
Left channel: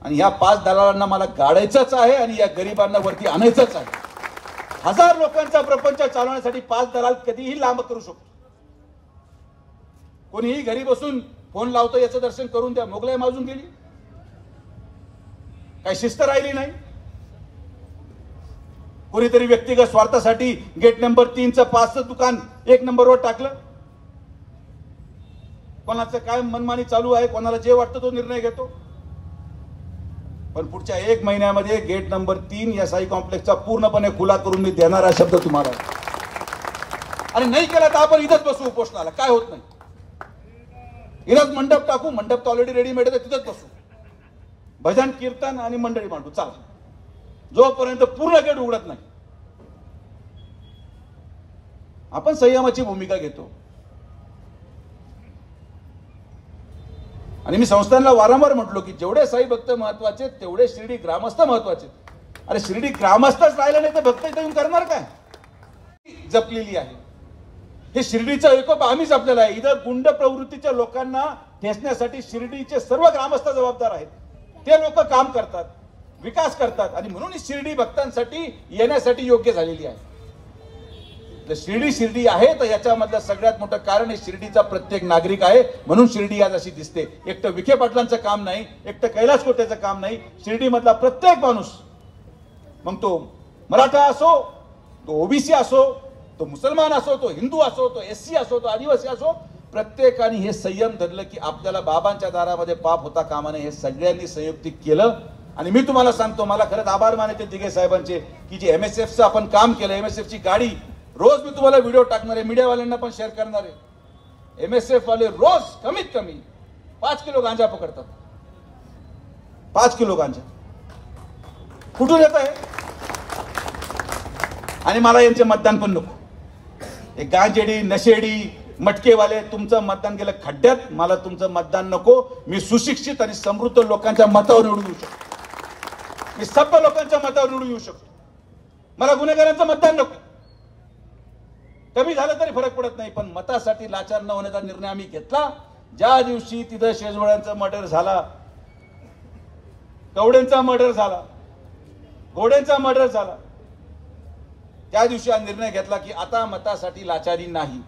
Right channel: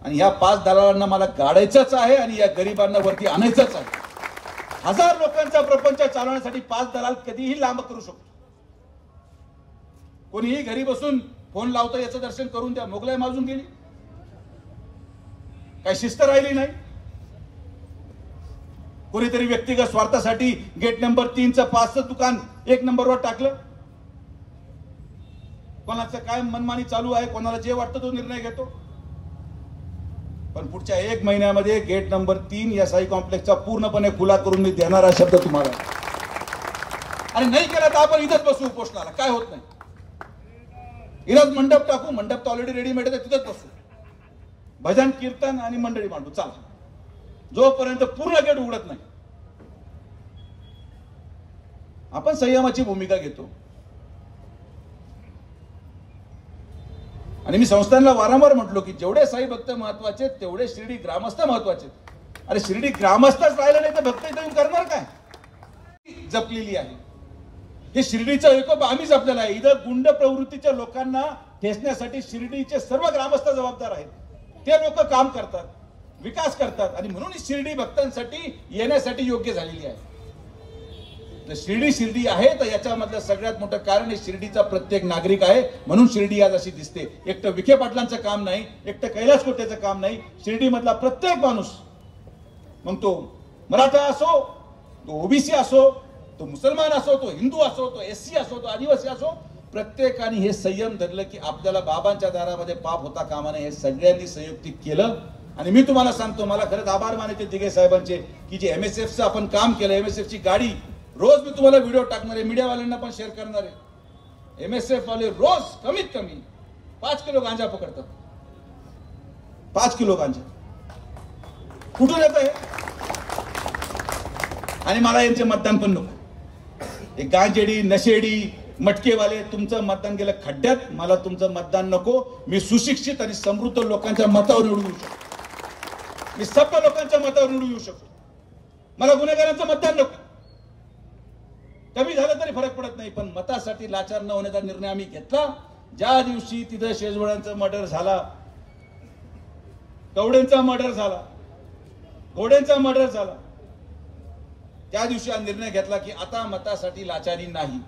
आणि या 5 दलालांना मला गाडायचंच आहे आणि या गरिबांना वरती आणायचंच आहे. 1000 लोकांचा प्रपंच चालवण्यासाठी 5 दलाल कधीही लांब करू शकतो. कोणीही घरी बसून फोन लावतो, याचं दर्शन करून द्या. मोगलाई माजून गेली, काही शिस्त राहिली नाही. कोणीतरी व्यक्तिगत स्वार्थासाठी गेट नंबर 3चं 5चं दुकान 1 नंबरवर टाकलं. कोणाचं काय मनमानी चालू आहे, कोणाला जे वाटतं तो निर्णय घेतो. पण पुढच्या 1 महिन्यामध्ये गेट नंबर 3 या साई कॉम्प्लेक्सचा पूर्णपणे खुला करून मी देणार हा शब्द तुम्हाला. आणि नाही केला तर आपण इथंच बसू उपोषणाला, काय होत नाही. इथंच मंडप टाकू, मंडप तर ऑलरेडी रेडीमेड आहे, तिथंच बसू, भजन कीर्तन आणि मंडळी मांडू, चाल, जोपर्यंत पूर्ण गेट उघडत नाही. आपण संयमाची भूमिका घेतो. आणि मी संस्थांना वारंवार म्हटलो की जेवढे साई भक्त महत्वाचे तेवढे शिर्डी ग्रामस्थ महत्वाचे. अरे शिर्डी ग्रामस्थच राहिला नाही तर भक्त इथे येऊन करणार काय. जपलेली आहे, हे शिर्डीचं एकोप आम्ही जपलेलं आहे. इथं गुंड प्रवृत्तीच्या लोकांना ठेचण्यासाठी शिर्डीचे सर्व ग्रामस्थ जबाबदार आहेत. ते लोक काम करतात, विकास करतात आणि म्हणून शिर्डी भक्तांसाठी येण्यासाठी योग्य झालेली आहे. शिर्डी आहे तर याच्यामधलं सगळ्यात मोठं कारण हे शिर्डीचा प्रत्येक नागरिक आहे. म्हणून शिर्डी आज अशी दिसते. एकटं विखे पाटलांचं काम नाही, एकटं कैलास कोटेचं काम नाही. शिर्डी मधला प्रत्येक माणूस, मग तो मराठा असो, तो ओबीसी असो, तो मुसलमान असो, तो हिंदू असो, तो एससी असो, तो आदिवासी असो, प्रत्येकाने हे संयम धरलं की आपल्याला बाबांच्या दारामध्ये पाप होता कामा नये. हे सगळ्यांनी संयुक्तिक केलं. आणि मी तुम्हाला सांगतो, मला खरंच आभार मानायचे दिघे साहेबांचे की जे MSFचं आपण काम केलं. MSFची गाडी रोज मी तुम्हाला व्हिडिओ टाकणार आहे, मीडियावाल्यांना पण शेअर करणार आहे. MSF वाले रोज कमीत कमी 5 किलो गांजा पकडतात. 5 किलो गांजा कुठून येत आहे. आणि मला यांचे मतदान पण नको. एक गांजेडी नशेडी मटकेवाले तुमचं मतदान गेलं खड्ड्यात. मला तुमचं मतदान नको. मी सुशिक्षित आणि समृद्ध लोकांच्या मतावर निवडून येऊ शकतो. मी सभ्य लोकांच्या मतावर निवडून येऊ शकतो. मला गुन्हेगारांचं मतदान नको. कमी झालं तरी फरक पडत नाही, पण मतासाठी लाचार न होण्याचा निर्णय आम्ही घेतला. ज्या दिवशी तिथं शेजवळ्यांचं मर्डर झाला, कवडेंचा मर्डर झाला, घोडेंचा मर्डर झाला, त्या दिवशी हा निर्णय घेतला की आता मतासाठी लाचारी नाही.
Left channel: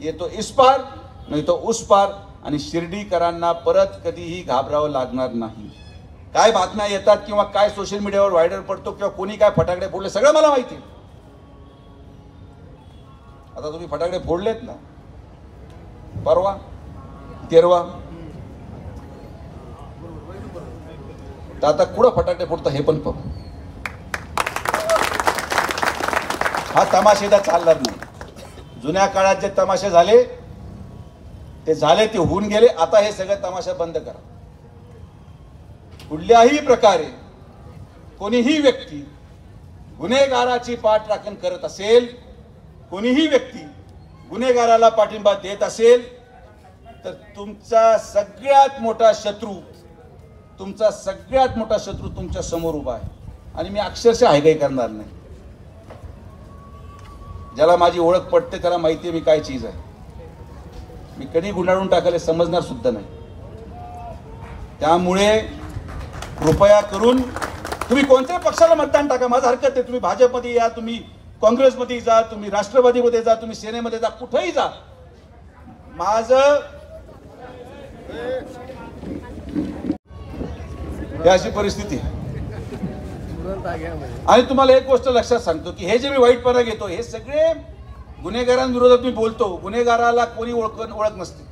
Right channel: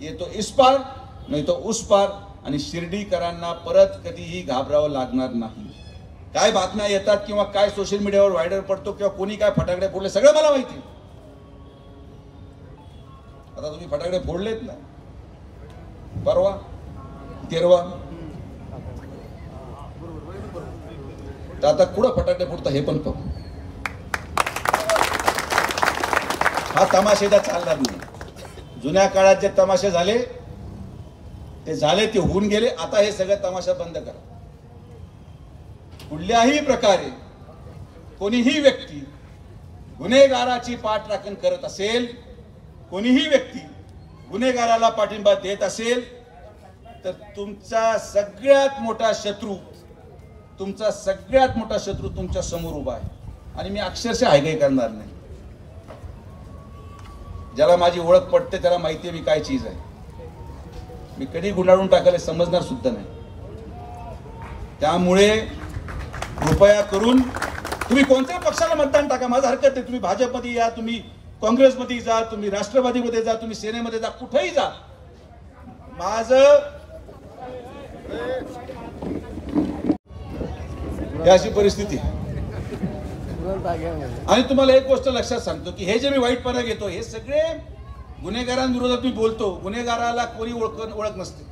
येतो इस पार नाही तो उस पार. आणि शिर्डीकरांना परत कधीही घाबरावं लागणार नाही. काय बातम्या येतात किंवा काय सोशल मीडियावर व्हायरल पडतो किंवा कोणी काय फटाकडे फोडले सगळं मला माहिती. आता तुम्ही फटाकडे फोडलेत ना परवा तेरवा, तर आता कुठं फटाकडे फोडता हे पण बघू. हा तमाशेदा चालणार नाही. जुन्या काळात जे तमाशे झाले ते होऊन गेले. आता हे सगळं तमाशा बंद करा. कुठल्याही प्रकारे कोणीही व्यक्ती गुन्हेगाराची पाठराखण करत असेल, कोणीही व्यक्ती गुन्हेगाराला पाठिंबा देत असेल तर तुमचा सगळ्यात मोठा शत्रू तुमच्या समोर उभा आहे. आणि मी अक्षरशः हायगाई करणार नाही. ज्याला माझी ओळख पडते त्याला माहिती आहे मी काय चीज आहे. मी कधी गुंडाळून टाकायला समजणार सुद्धा नाही. त्यामुळे कृपया करून तुम्ही कोणत्या पक्षाला मतदान टाका, माझं हरकत आहे. तुम्ही भाजपमध्ये या, तुम्ही काँग्रेसमध्ये जा, तुम्ही राष्ट्रवादीमध्ये जा, तुम्ही सेनेमध्ये जा, कुठेही जा. माझं ही अशी परिस्थिती. आणि तुम्हाला एक गोष्ट लक्षात सांगतो की हे जे मी वाईटपणा घेतो हे सगळे गुन्हेगारांविरोधात मी बोलतो. गुन्हेगाराला कोणी ओळख नसते.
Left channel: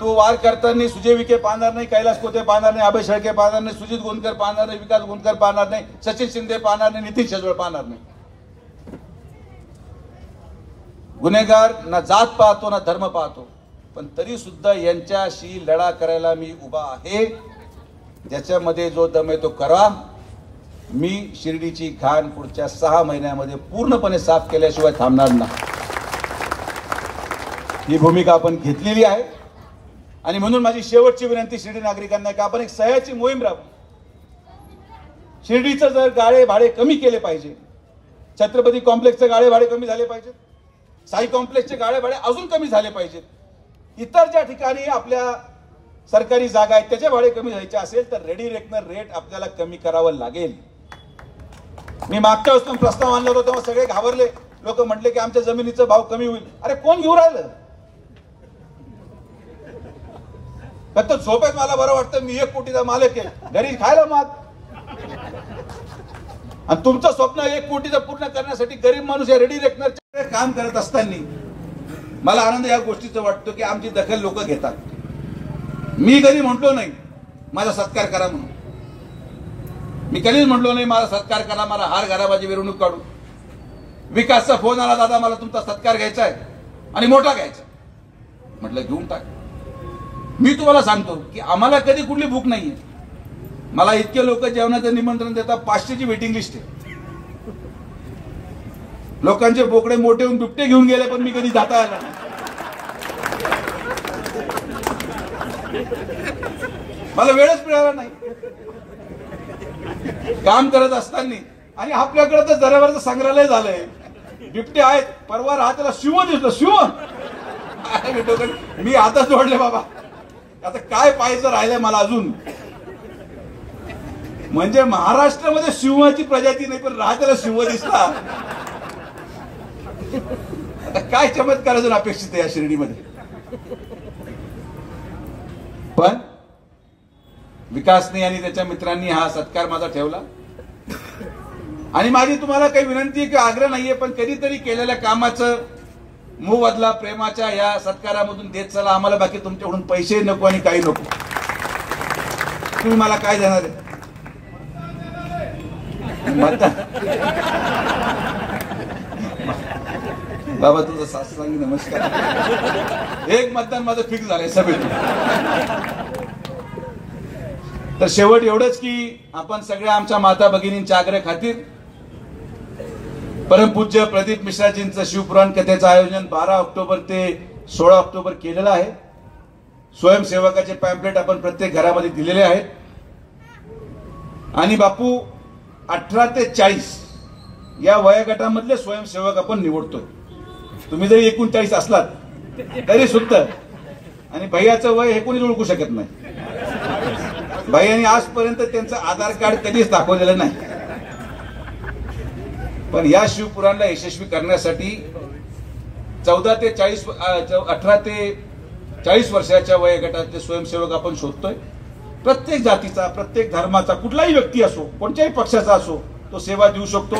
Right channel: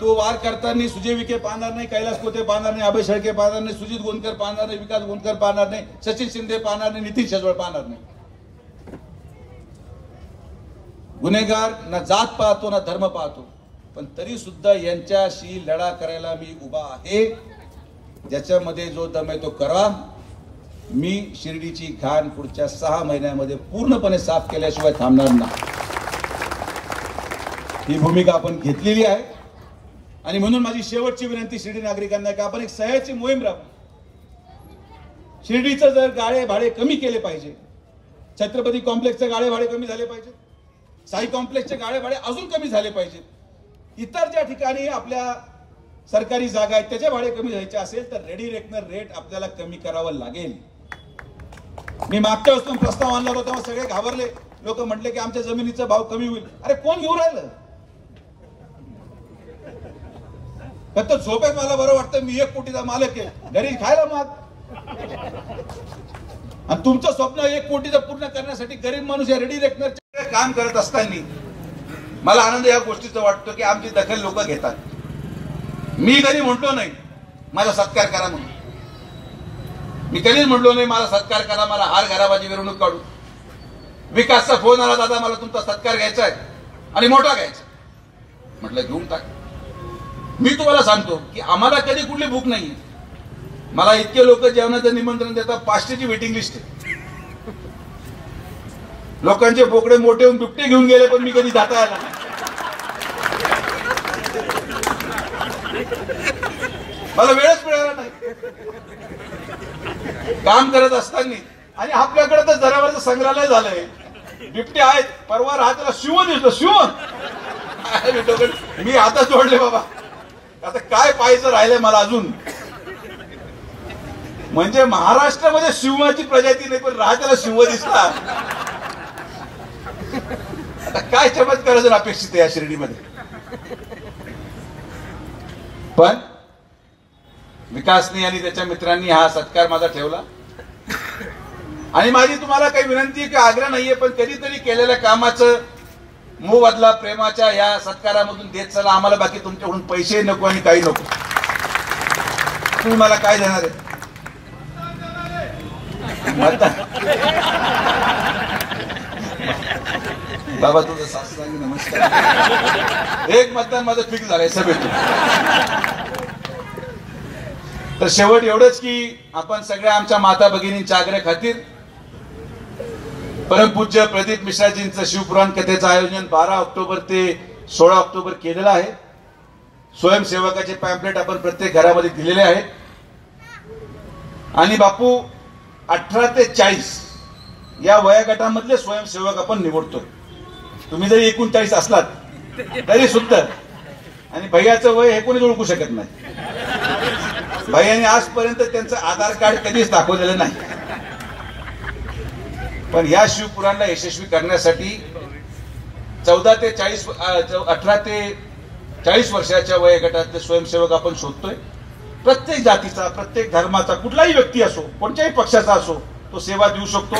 तो वार करताना सुजय विखे पाहणार नाही, कैलास कोते पाहणार नाही, अभय शेळके पाहणार नाही, सुजित गोंदकर पाहणार नाही, विकास गोंदकर पाहणार नाही, सचिन शिंदे पाहणार नाही, नितीन शेजवळ पाहणार नाही. गुन्हेगार ना जात पाहतो ना धर्म पाहतो, पण तरी सुद्धा यांच्याशी लढा करायला मी उभा आहे. ज्याच्यामध्ये जो दम आहे तो करा. मी शिर्डीची घाण पुढच्या 6 महिन्यामध्ये पूर्णपणे साफ केल्याशिवाय थांबणार नाही. ही भूमिका आपण घेतलेली आहे. आणि म्हणून माझी शेवटची विनंती शिर्डी नागरिकांना की आपण एक सह्याची मोहीम राबवू. शिर्डीचं जर गाळे भाडे कमी केले पाहिजे, छत्रपती कॉम्प्लेक्सचे गाळे भाडे कमी झाले पाहिजेत, साई कॉम्प्लेक्सचे गाळे भाडे अजून कमी झाले पाहिजेत. इतर ज्या ठिकाणी आपल्या सरकारी जागा आहेत त्याचे भाडे कमी व्हायचे असेल तर रेडी रेकनर रेट आपल्याला कमी करावं लागेल. मी मागच्या वेळेस प्रस्ताव आणला होता तेव्हा सगळे घाबरले. लोक म्हटले की आमच्या जमिनीचा भाव कमी होईल. अरे कोण घेऊन राहिलं? फक्त झोपेत मला बरं वाटतं मी 1 कोटीचा मालक आहे, घरी खायला माग. आणि तुमचं स्वप्न 1 कोटीचं पूर्ण करण्यासाठी गरीब माणूस या रेडी रेकनरचे काम करत असताना मला आनंद या गोष्टीचा वाटतो की आमची दखल लोक घेतात. मी कधी म्हटलो नाही माझा सत्कार करा म्हणून, मी कधीच म्हटलो नाही मला सत्कार करा, मला हार घराबाजी मिरवणूक काढू. विकासचा फोन आला, दादा मला तुमचा सत्कार घ्यायचा आहे आणि मोठा घ्यायचा. म्हटलं घेऊन टाक. मी तुम्हाला सांगतो की आम्हाला कधी कुठली भूक नाही. मला इतके लोक जेवणाचं निमंत्रण देतात, 500ची वेटिंग लिस्ट आहे. लोकांचे बोकडे मोठे होऊन दुपटे घेऊन गेले पण मी कधी जाता आला नाही. मला वेळच मिळाला नाही काम करत असताना. आणि आपल्याकडे तर दर्यावरचं संग्रहालय झालंय, बिबटे आहेत. परवा राहतेला शिव दिसतो, शिव मी आता जोडले बाबा. आता काय पाहायचं राहिलंय मला अजून. म्हणजे महाराष्ट्रामध्ये सिंहाची प्रजाती नाही पण राहतेला शिव दिसला. आता काय चमत्कार अजून अपेक्षित आहे या शिर्डीमध्ये. पण विकासने आणि त्याच्या मित्रांनी हा सत्कार माझा ठेवला. आणि माझी तुम्हाला काही विनंती की आग्रह नाहीये, पण कधीतरी केलेल्या कामाचं मोबदला प्रेमाच्या या सत्कारामधून देत चला. आम्हाला बाकी तुमच्याकडून पैसे नको आणि काही नको. तुम्ही मला काय देणार आहे? बाबा तुझं सासू नमस्कार. एक मतदान माझं फिक्स झालंय सभेतून. तर शेवट एवढंच की आपण सगळ्या आमच्या माता भगिनींच्या आग्रह खातीर परमपूज्य प्रदीप मिश्राजींचं शिवपुराण कथेचं आयोजन 12 ऑक्टोबर ते 16 ऑक्टोबर केलेलं आहे. स्वयंसेवकाचे पॅम्पलेट आपण प्रत्येक घरामध्ये दिलेले आहेत. आणि बापू 18 ते 40 या वयोगटामधले स्वयंसेवक आपण निवडतो. तुम्ही जरी 39 असलात तरी सुद्धा. आणि भैयाचं वय हे कोणी ओळखू शकत नाही. भैयाने आजपर्यंत त्यांचं आधार कार्ड कधीच दाखवलेलं नाही. पण या शिवपुराणला यशस्वी करण्यासाठी 18 ते 40 वर्षाच्या वयोगटातले स्वयंसेवक आपण शोधतोय. प्रत्येक जातीचा, प्रत्येक धर्माचा, कुठलाही व्यक्ती असो, कोणत्याही पक्षाचा असो, तो सेवा देऊ शकतो.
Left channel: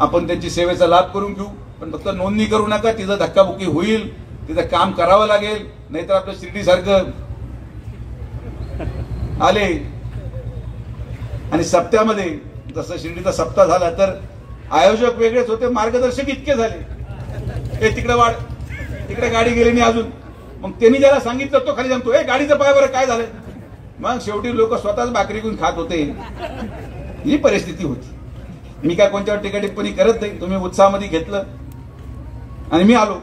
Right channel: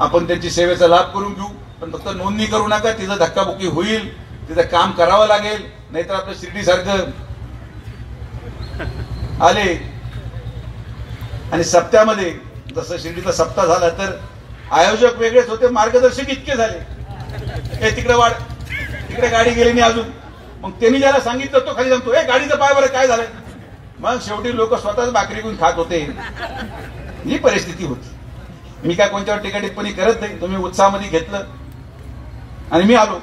आपण त्यांची सेवेचा लाभ करून घेऊ. पण फक्त नोंदणी करू नका. तिथं धक्काबुक्की होईल, तिथं काम करावं लागेल. नाहीतर आपलं शिर्डी सारखं आले आणि सप्त्यामध्ये जसं शिर्डीचा सप्ताह झाला तर आयोजक वेगळेच होते, मार्गदर्शक इतके झाले. हे तिकडे वाढ, तिकडे गाडी गेली नाही अजून. मग त्यांनी ज्याला सांगितलं तो खाली सांगतो, हे गाडीचं पाय बरं काय झालंय. मग शेवटी लोक स्वतःच भाकरी घेऊन खात होते. ही परिस्थिती होती. मी काय कोणत्यावर टीका टिप्पणी करत नाही. तुम्ही उत्साहामध्ये घेतलं आणि मी आलो.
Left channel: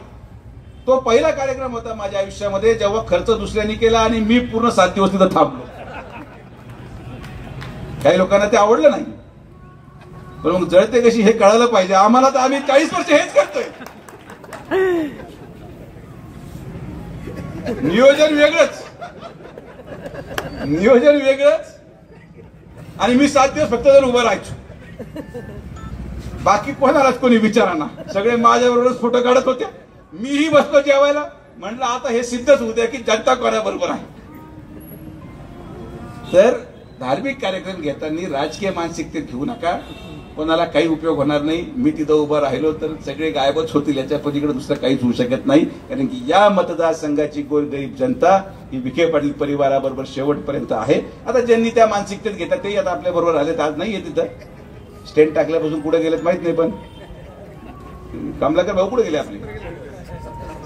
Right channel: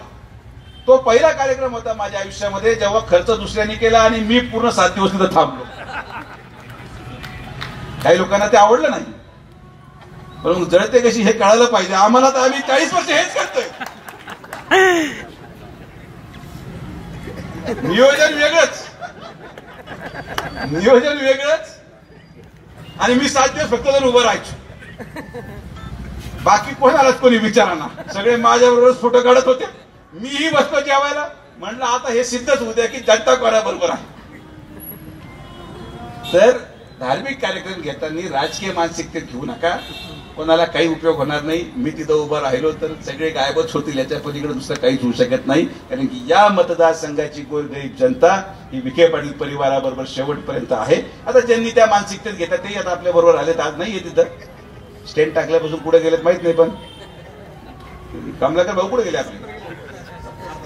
तो पहिला कार्यक्रम होता माझ्या आयुष्यामध्ये जेव्हा खर्च दुसऱ्यांनी केला आणि मी पूर्ण 7 दिवस तिथं थांबलो. काही लोकांना ते आवडलं नाही, पण जळते कशी हे कळायला पाहिजे आम्हाला. तर आम्ही 40 वर्ष हेच करतोय. नियोजन वेगळंच आणि मी 7 दिवस फक्त जर उभं राहायचो. बाकी कोणालाच कोणी विचाराना. सगळे माझ्याबरोबरच फोटो काढत होते. मीही बसलो जेवायला. म्हणलं आता हे सिद्धच होऊ द्या की जनता कोणाबरोबर आहे. तर धार्मिक कार्यक्रम घेताना राजकीय मानसिकतेत घेऊ नका. कोणाला काही उपयोग होणार नाही. मी तिथं उभं राहिलो तर सगळे गायबच होतील. याच्या पलीकडे दुसरं काहीच होऊ शकत नाही. कारण की या मतदारसंघाची गोरगरीब जनता ही विखे पाटील परिवाराबरोबर शेवटपर्यंत आहे. आता ज्यांनी त्या मानसिकतेत घेतात ते आता आपल्या बरोबर आलेत. आज नाहीये तिथं. स्टेंट टाकल्यापासून कुठे गेलेत माहित नाही. पण कमलाकर भाऊ कुठे गेले आपले?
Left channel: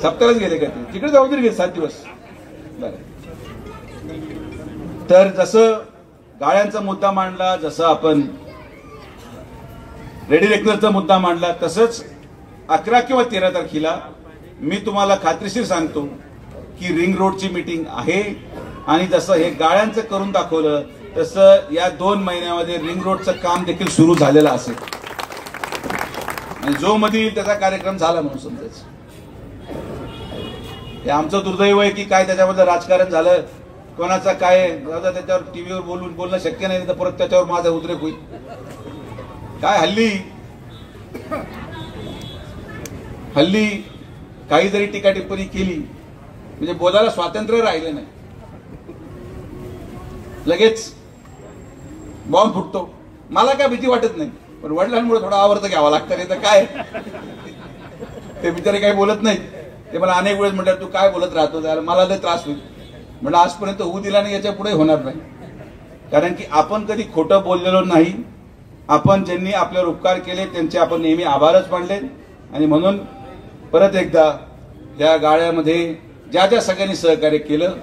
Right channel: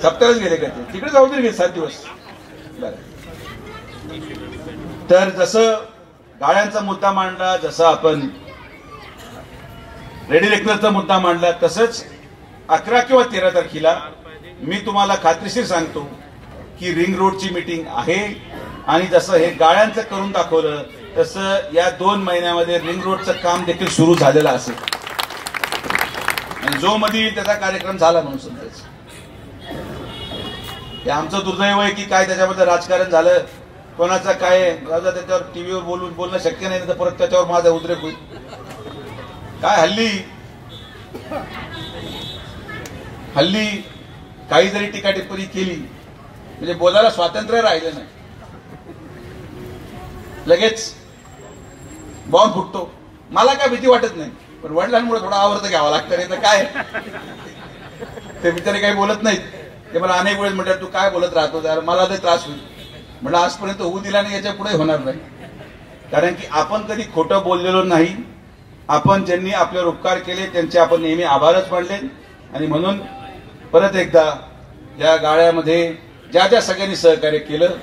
सप्त्यालाच गेले का? तिकडे जाऊ गेले 7 दिवस. तर जसं गाळ्यांचा मुद्दा मांडला, जसं आपण रेडी रेकनरचा मुद्दा मांडला, तसंच 11 किंवा 13 तारखेला मी तुम्हाला खात्रीशीर सांगतो की रिंग रोडची मीटिंग आहे. आणि जसं हे गाळ्यांचं करून दाखवलं तसं या 2 महिन्यामध्ये रिंग रोडचं काम देखील सुरू झालेलं असेल. आणि जो मध्ये त्याचा कार्यक्रम झाला म्हणून समजायचं. हे आमचं दुर्दैव आहे की काय त्याच्याबद्दल राजकारण झालं. कोणाचा काय त्याच्यावर टीव्हीवर बोलणं शक्य नाही. तर परत त्याच्यावर माझा उद्रेक होईल. काय हल्ली काही जरी टीका टिप्पणी केली म्हणजे बोलायला स्वातंत्र्य राहिलं नाही. लगेच बॉम्ब फुटतो. मला काय भीती वाटत नाही. पण वडिलांमुळे थोडा आवर्त घ्यावा लागतं, नाही तर काय ते बिचारे काही बोलत नाहीत. ते मला अनेक वेळेस म्हणतात तू काय बोलत राहतो, जरा मला लय त्रास होईल. म्हणलं आजपर्यंत होऊ दिला नाही, याच्या पुढे होणार नाही. कारण की आपण कधी खोटं बोललेलो नाही. आपण ज्यांनी आपल्यावर उपकार केले त्यांचे आपण नेहमी आभारच मानले. आणि म्हणून परत एकदा या गाळ्यामध्ये ज्या ज्या सगळ्यांनी सहकार्य केलं,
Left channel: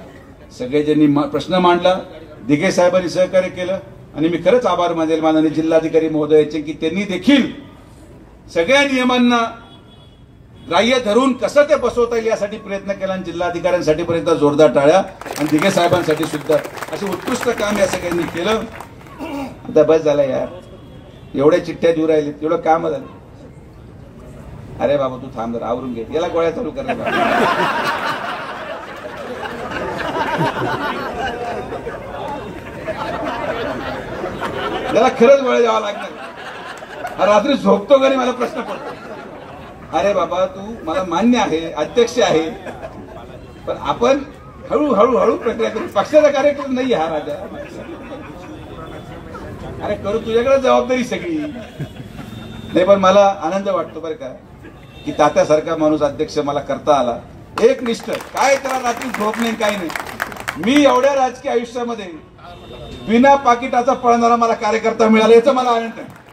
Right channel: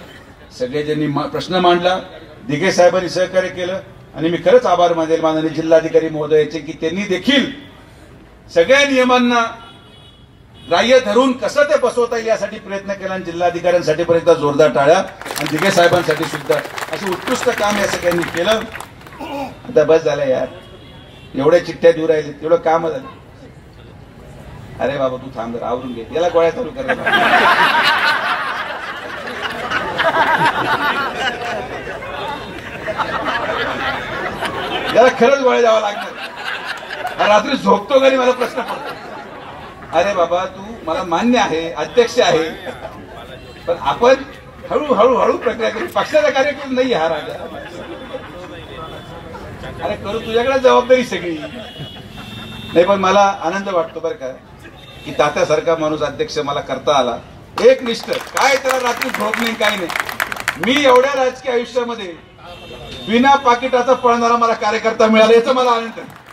सगळे ज्यांनी प्रश्न मांडला, दिघे साहेबांनी सहकार्य केलं, आणि मी खरंच आभार मानेल माननीय जिल्हाधिकारी महोदयाचे की त्यांनी देखील सगळ्या नियमांना ग्राह्य धरून कसं ते बसवता येईल यासाठी प्रयत्न केला. आणि जिल्हाधिकाऱ्यांसाठी पण एकदा जोरदार टाळ्या, आणि दिघे साहेबांसाठी सुद्धा असे उत्कृष्ट काम या सगळ्यांनी केलं. आता बस झालं यार, एवढे चिठ्ठ्या देऊ राहिले, एवढं काम झालं. अरे बाबा तू थांब जरा, आवरून घे, याला गोळ्या चालू करायला. याला खरंच गोळ्या द्यावा लागणार. रात्री झोपतो घरी मला प्रश्न पडतो. अरे बाबा तू मला मान्य आहे, अध्यक्ष आहे, पण आपण हळूहळू हळू प्रक्रिया करू. पक्षाचा कार्यक्रम नाही हा राजा. अरे करू, तुझ्याकडे जबाबदारी सगळी नाही. पण मला आनंद वाटतो बरं का की तात्यासारखा माणूस अध्यक्ष मला करता आला. एक निष्ठ, काय त्याला रात्री झोप नाही काही नाही. मी एवढ्या राजकीय आयुष्यामध्ये बिना पाकिटाचा पळणारा मला कार्यकर्ता मिळाला, याचा मला आनंद आहे.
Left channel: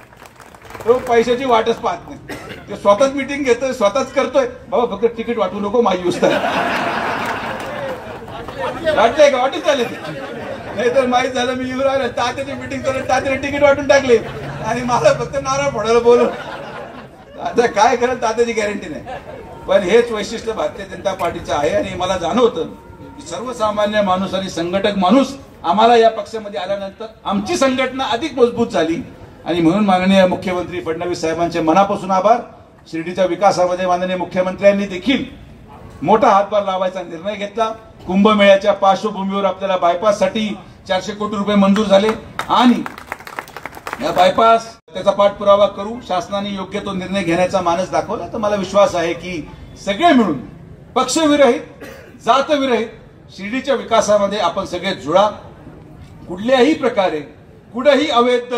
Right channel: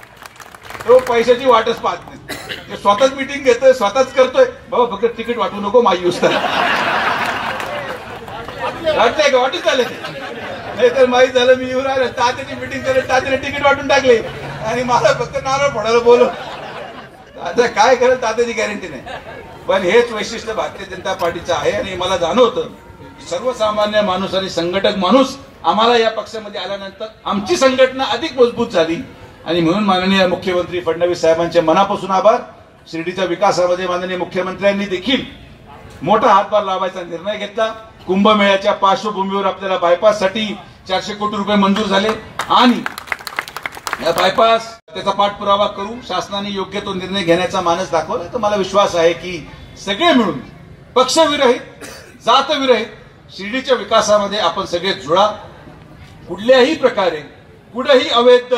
तो पैशाची वाटच पाहत नाही, ते स्वतःच मिटिंग घेतोय, स्वतःच करतोय. बाबा फक्त तिकीट वाटू नको, माझी यूज करा. वाटतंय का? वाटून चालेल ते, नाही तर माहीत झालं मी येऊन आलो, तात्याची मिटिंग करत तात्याने तिकीट वाटून टाकले आणि मला फक्त नारळ फोडायला बोलव. आता काय करत तात्याची गॅरंटी नाही. पण हेच वैशिष्ट्य भारतीय जनता पार्टीचं आहे. आणि मला जाणवतं की सर्वसामान्य माणूस आणि संघटक माणूस आम्हाला या पक्षामध्ये आल्यानंतर आमची संघटना अधिक मजबूत झाली. आणि म्हणून माननीय मुख्यमंत्री फडणवीस साहेबांचे मनापासून आभार. शिर्डीच्या विकासामध्ये माननीय मुख्यमंत्र्यांनी देखील मोठा हातभार लावायचा निर्णय घेतला. कुंभमेळ्याच्या पार्श्वभूमीवर आपल्याला बायपाससाठी 400 कोटी रुपये मंजूर झाले. आणि या बायपास त्याचा पाठपुरावा करू, शासनाने योग्य तो निर्णय घेण्याचा मानस दाखवला. तर मला विश्वास आहे की सगळे मिळून पक्षविरहित, जातविरहित शिर्डीच्या विकासामध्ये आपण सगळे जुळा. कुठल्याही प्रकारे कुठेही अवैध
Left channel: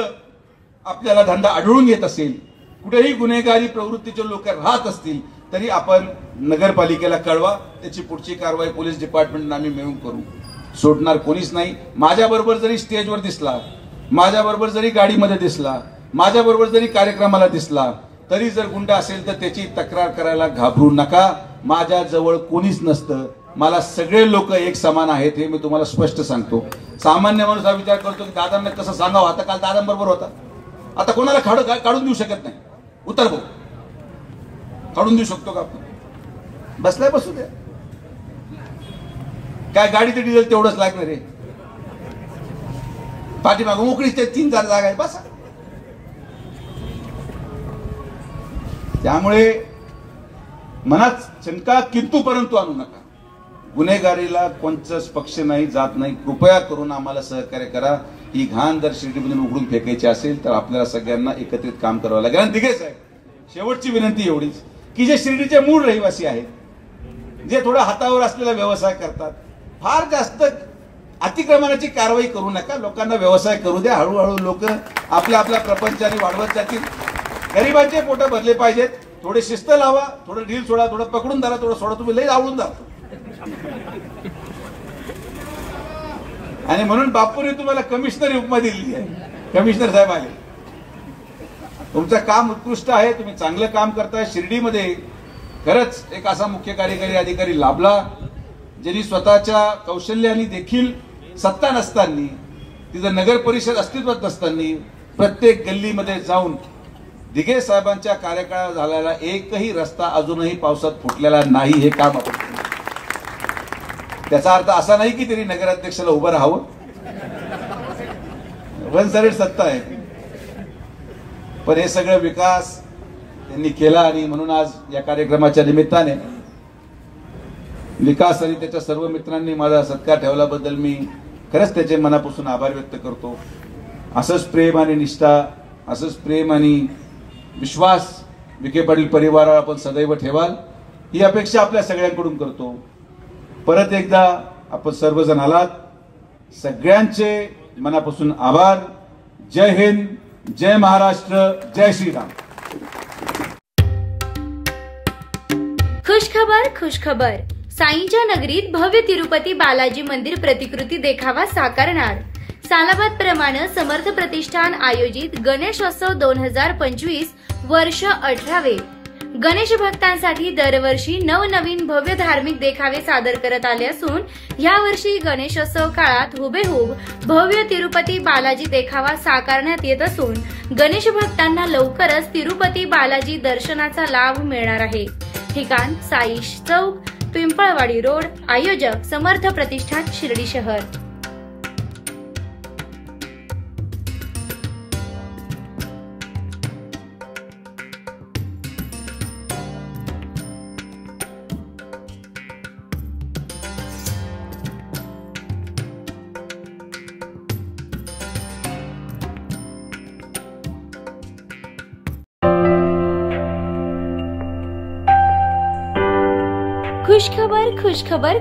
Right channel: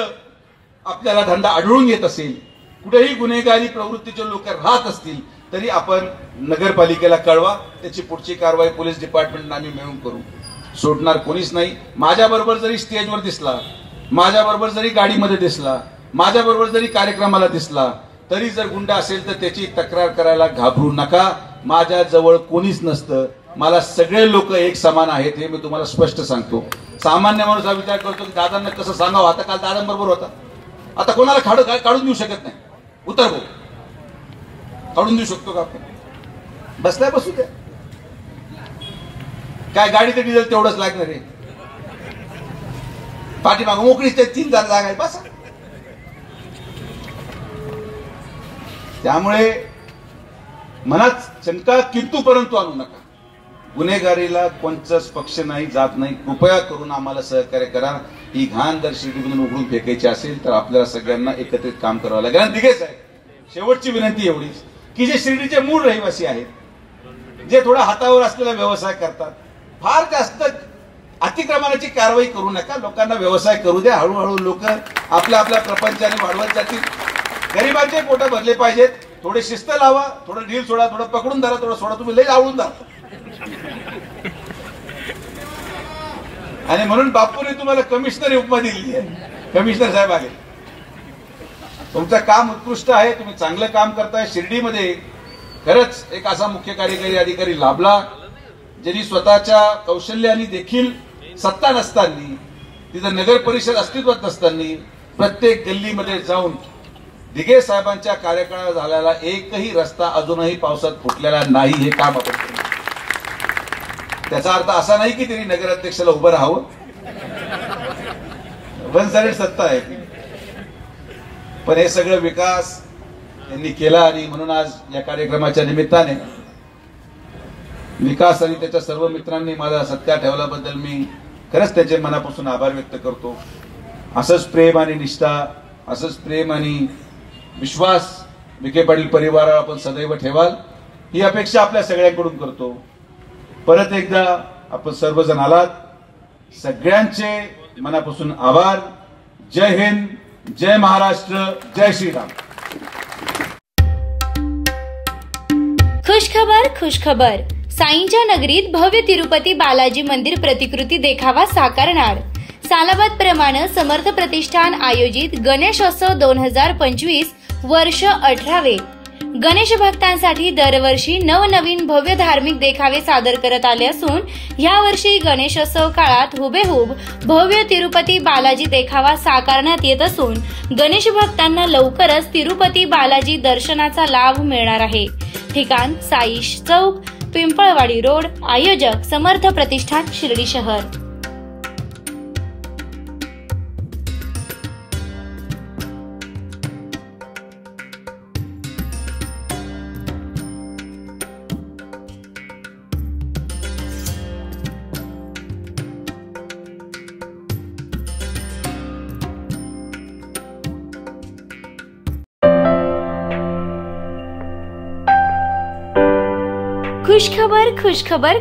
आपल्याला धंदा आढळून येत असेल, कुठेही गुन्हेगारी प्रवृत्तीचे लोक राहत असतील तरी आपण नगरपालिकेला कळवा. त्याची पुढची कारवाई पोलीस डिपार्टमेंटने आम्ही मिळून करू. सोडणार कोणीच नाही. माझ्याबरोबर जरी स्टेजवर दिसला, माझ्याबरोबर जरी गाडीमध्ये दिसला, माझ्याबरोबर जरी कार्यक्रमाला दिसला, तरी जर गुंडा असेल तर त्याची तक्रार करायला घाबरू नका. माझ्या जवळ कोणीच नसतं. मला सगळे लोक एक समान आहेत, हे मी तुम्हाला स्पष्ट सांगतो. सामान्य माणूस हा विचार करतो की दादांना कसं सांगावं. आता काल दादांबरोबर होता, आता कोणाला काढून देऊ शकत नाही. उतर भाऊ, काढून देऊ शकतो का आपण? बसल्या बसू द्या. काय गाडीचं डिझेल तेवढंच लागणार आहे. पाठीमाग मोकळीच ते 3 जागा आहे बस. त्यामुळे मनात शंका किंतु परंतु आणू नका. गुन्हेगारीला कोणताच पक्ष नाही, जात नाही. कृपया करून आम्हाला सहकार्य करा. ही घाण जर शिर्डीमधून उघडून फेकायची असेल तर आपल्याला सगळ्यांना एकत्रित काम करावं लागेल. आणि दिघे साहेब, शेवटची विनंती एवढीच की जे शिर्डीचे मूळ रहिवासी आहेत, जे थोडा हातावर असलेला व्यवसाय करतात, फार जास्त अतिक्रमणाची कारवाई करू नका. लोकांना व्यवसाय करू द्या. हळूहळू लोक आपल्या आपल्या प्रपंचाने वाढवत जातील. गरिबांचे पोट भरले पाहिजेत. थोडे शिस्त लावा, थोडं ढील सोडा, थोडं पकडून धरा, थोडं सोडा. तुम्ही लई आवडून धरा. आणि म्हणून बापूने तुम्हाला कमिशनर उपमा दिली आहे. कमिशनर साहेब आले. तुमचं काम उत्कृष्ट आहे, तुम्ही चांगलं काम करताय. शिर्डीमध्ये खरंच एक असा मुख्य कार्यकारी अधिकारी लाभला ज्यांनी स्वतःच्या कौशल्याने देखील सत्ता नसताना, तिथं नगर परिषद अस्तित्वात नसताना प्रत्येक गल्लीमध्ये जाऊन दिघे साहेबांच्या कार्यकाळात झालेला एकही रस्ता अजूनही पावसात फुटलेला नाही. हे काम आपण केलं. त्याचा अर्थ असा नाही की त्यांनी नगराध्यक्षाला उभं राहावं. वन साइड सत्ता आहे, पण हे सगळं विकास त्यांनी केला. आणि म्हणून आज या कार्यक्रमाच्या निमित्ताने विकास आणि त्याच्या सर्व मित्रांनी माझा सत्कार ठेवल्याबद्दल मी खरंच त्याचे मनापासून आभार व्यक्त करतो. असंच प्रेम आणि निष्ठा, असंच प्रेम आणि विश्वास विखे पाटील परिवाराला आपण सदैव ठेवाल, ही अपेक्षा आपल्या सगळ्यांकडून करतो. परत एकदा आपण सर्वजण आलात, सगळ्यांचे मनापासून आभार. जय हिंद, जय महाराष्ट्र, जय श्रीराम. खुशखबर. साईंच्या नगरीत भव्य तिरुपती बालाजी मंदिर प्रतिकृती देखावा साकारणार. सालाबाद प्रमाणे समर्थ प्रतिष्ठान आयोजित गणेशोत्सव 2025 वर्ष 18वे. गणेश भक्तांसाठी दरवर्षी नवनवीन भव्य धार्मिक देखावे सादर करत आले असून यावर्षी गणेशोत्सव काळात हुबेहूब भव्य तिरुपती बालाजी देखावा साकारण्यात येत असून गणेश भक्तांना लवकरच तिरुपती बालाजी दर्शनाचा लाभ मिळणार आहे. ठिकाण साई चौक, पिंपळवाडी रोड. आयोजक समर्थ प्रतिष्ठान शिर्डी शहर.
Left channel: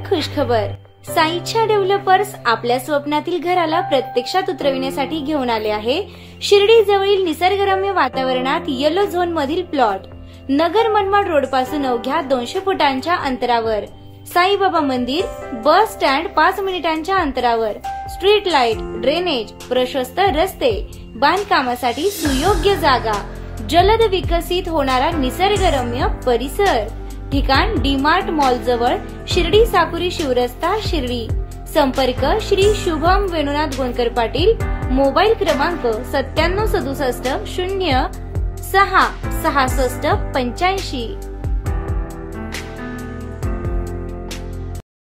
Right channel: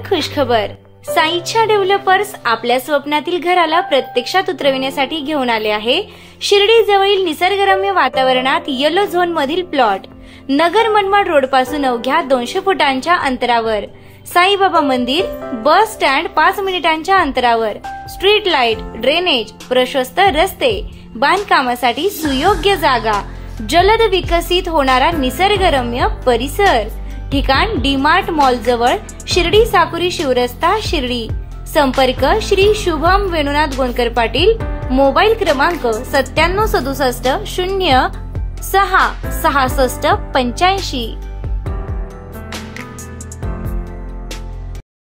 खुशखबर. साईच्या डेव्हलपर्स आपल्या स्वप्नातील घराला प्रत्यक्षात उतरविण्यासाठी घेऊन आले आहे. शिर्डी जवळील निसर्गरम्य वातावरणात येलो झोन मधील प्लॉट. नगर मनमाड रोड पासून अवघ्या 200 फुटांच्या अंतरावर. साईबाबा मंदिर, बस स्टँड 5 मिनिटांच्या अंतरावर. स्ट्रीट लाईट, ड्रेनेज, प्रशस्त रस्ते, बांधकामासाठी सुयोग्य जागा, जलद विकसित होणारा निसर्गरम्य परिसर. ठिकाण डीमार्ट मॉल जवळ, शिर्डी साकुरी शिवरस्ता, शिर्डी. संपर्क श्री शुभम वेणुनाथ गोंदकर पाटील. मोबाईल क्रमांक 9767 0 6 66 85.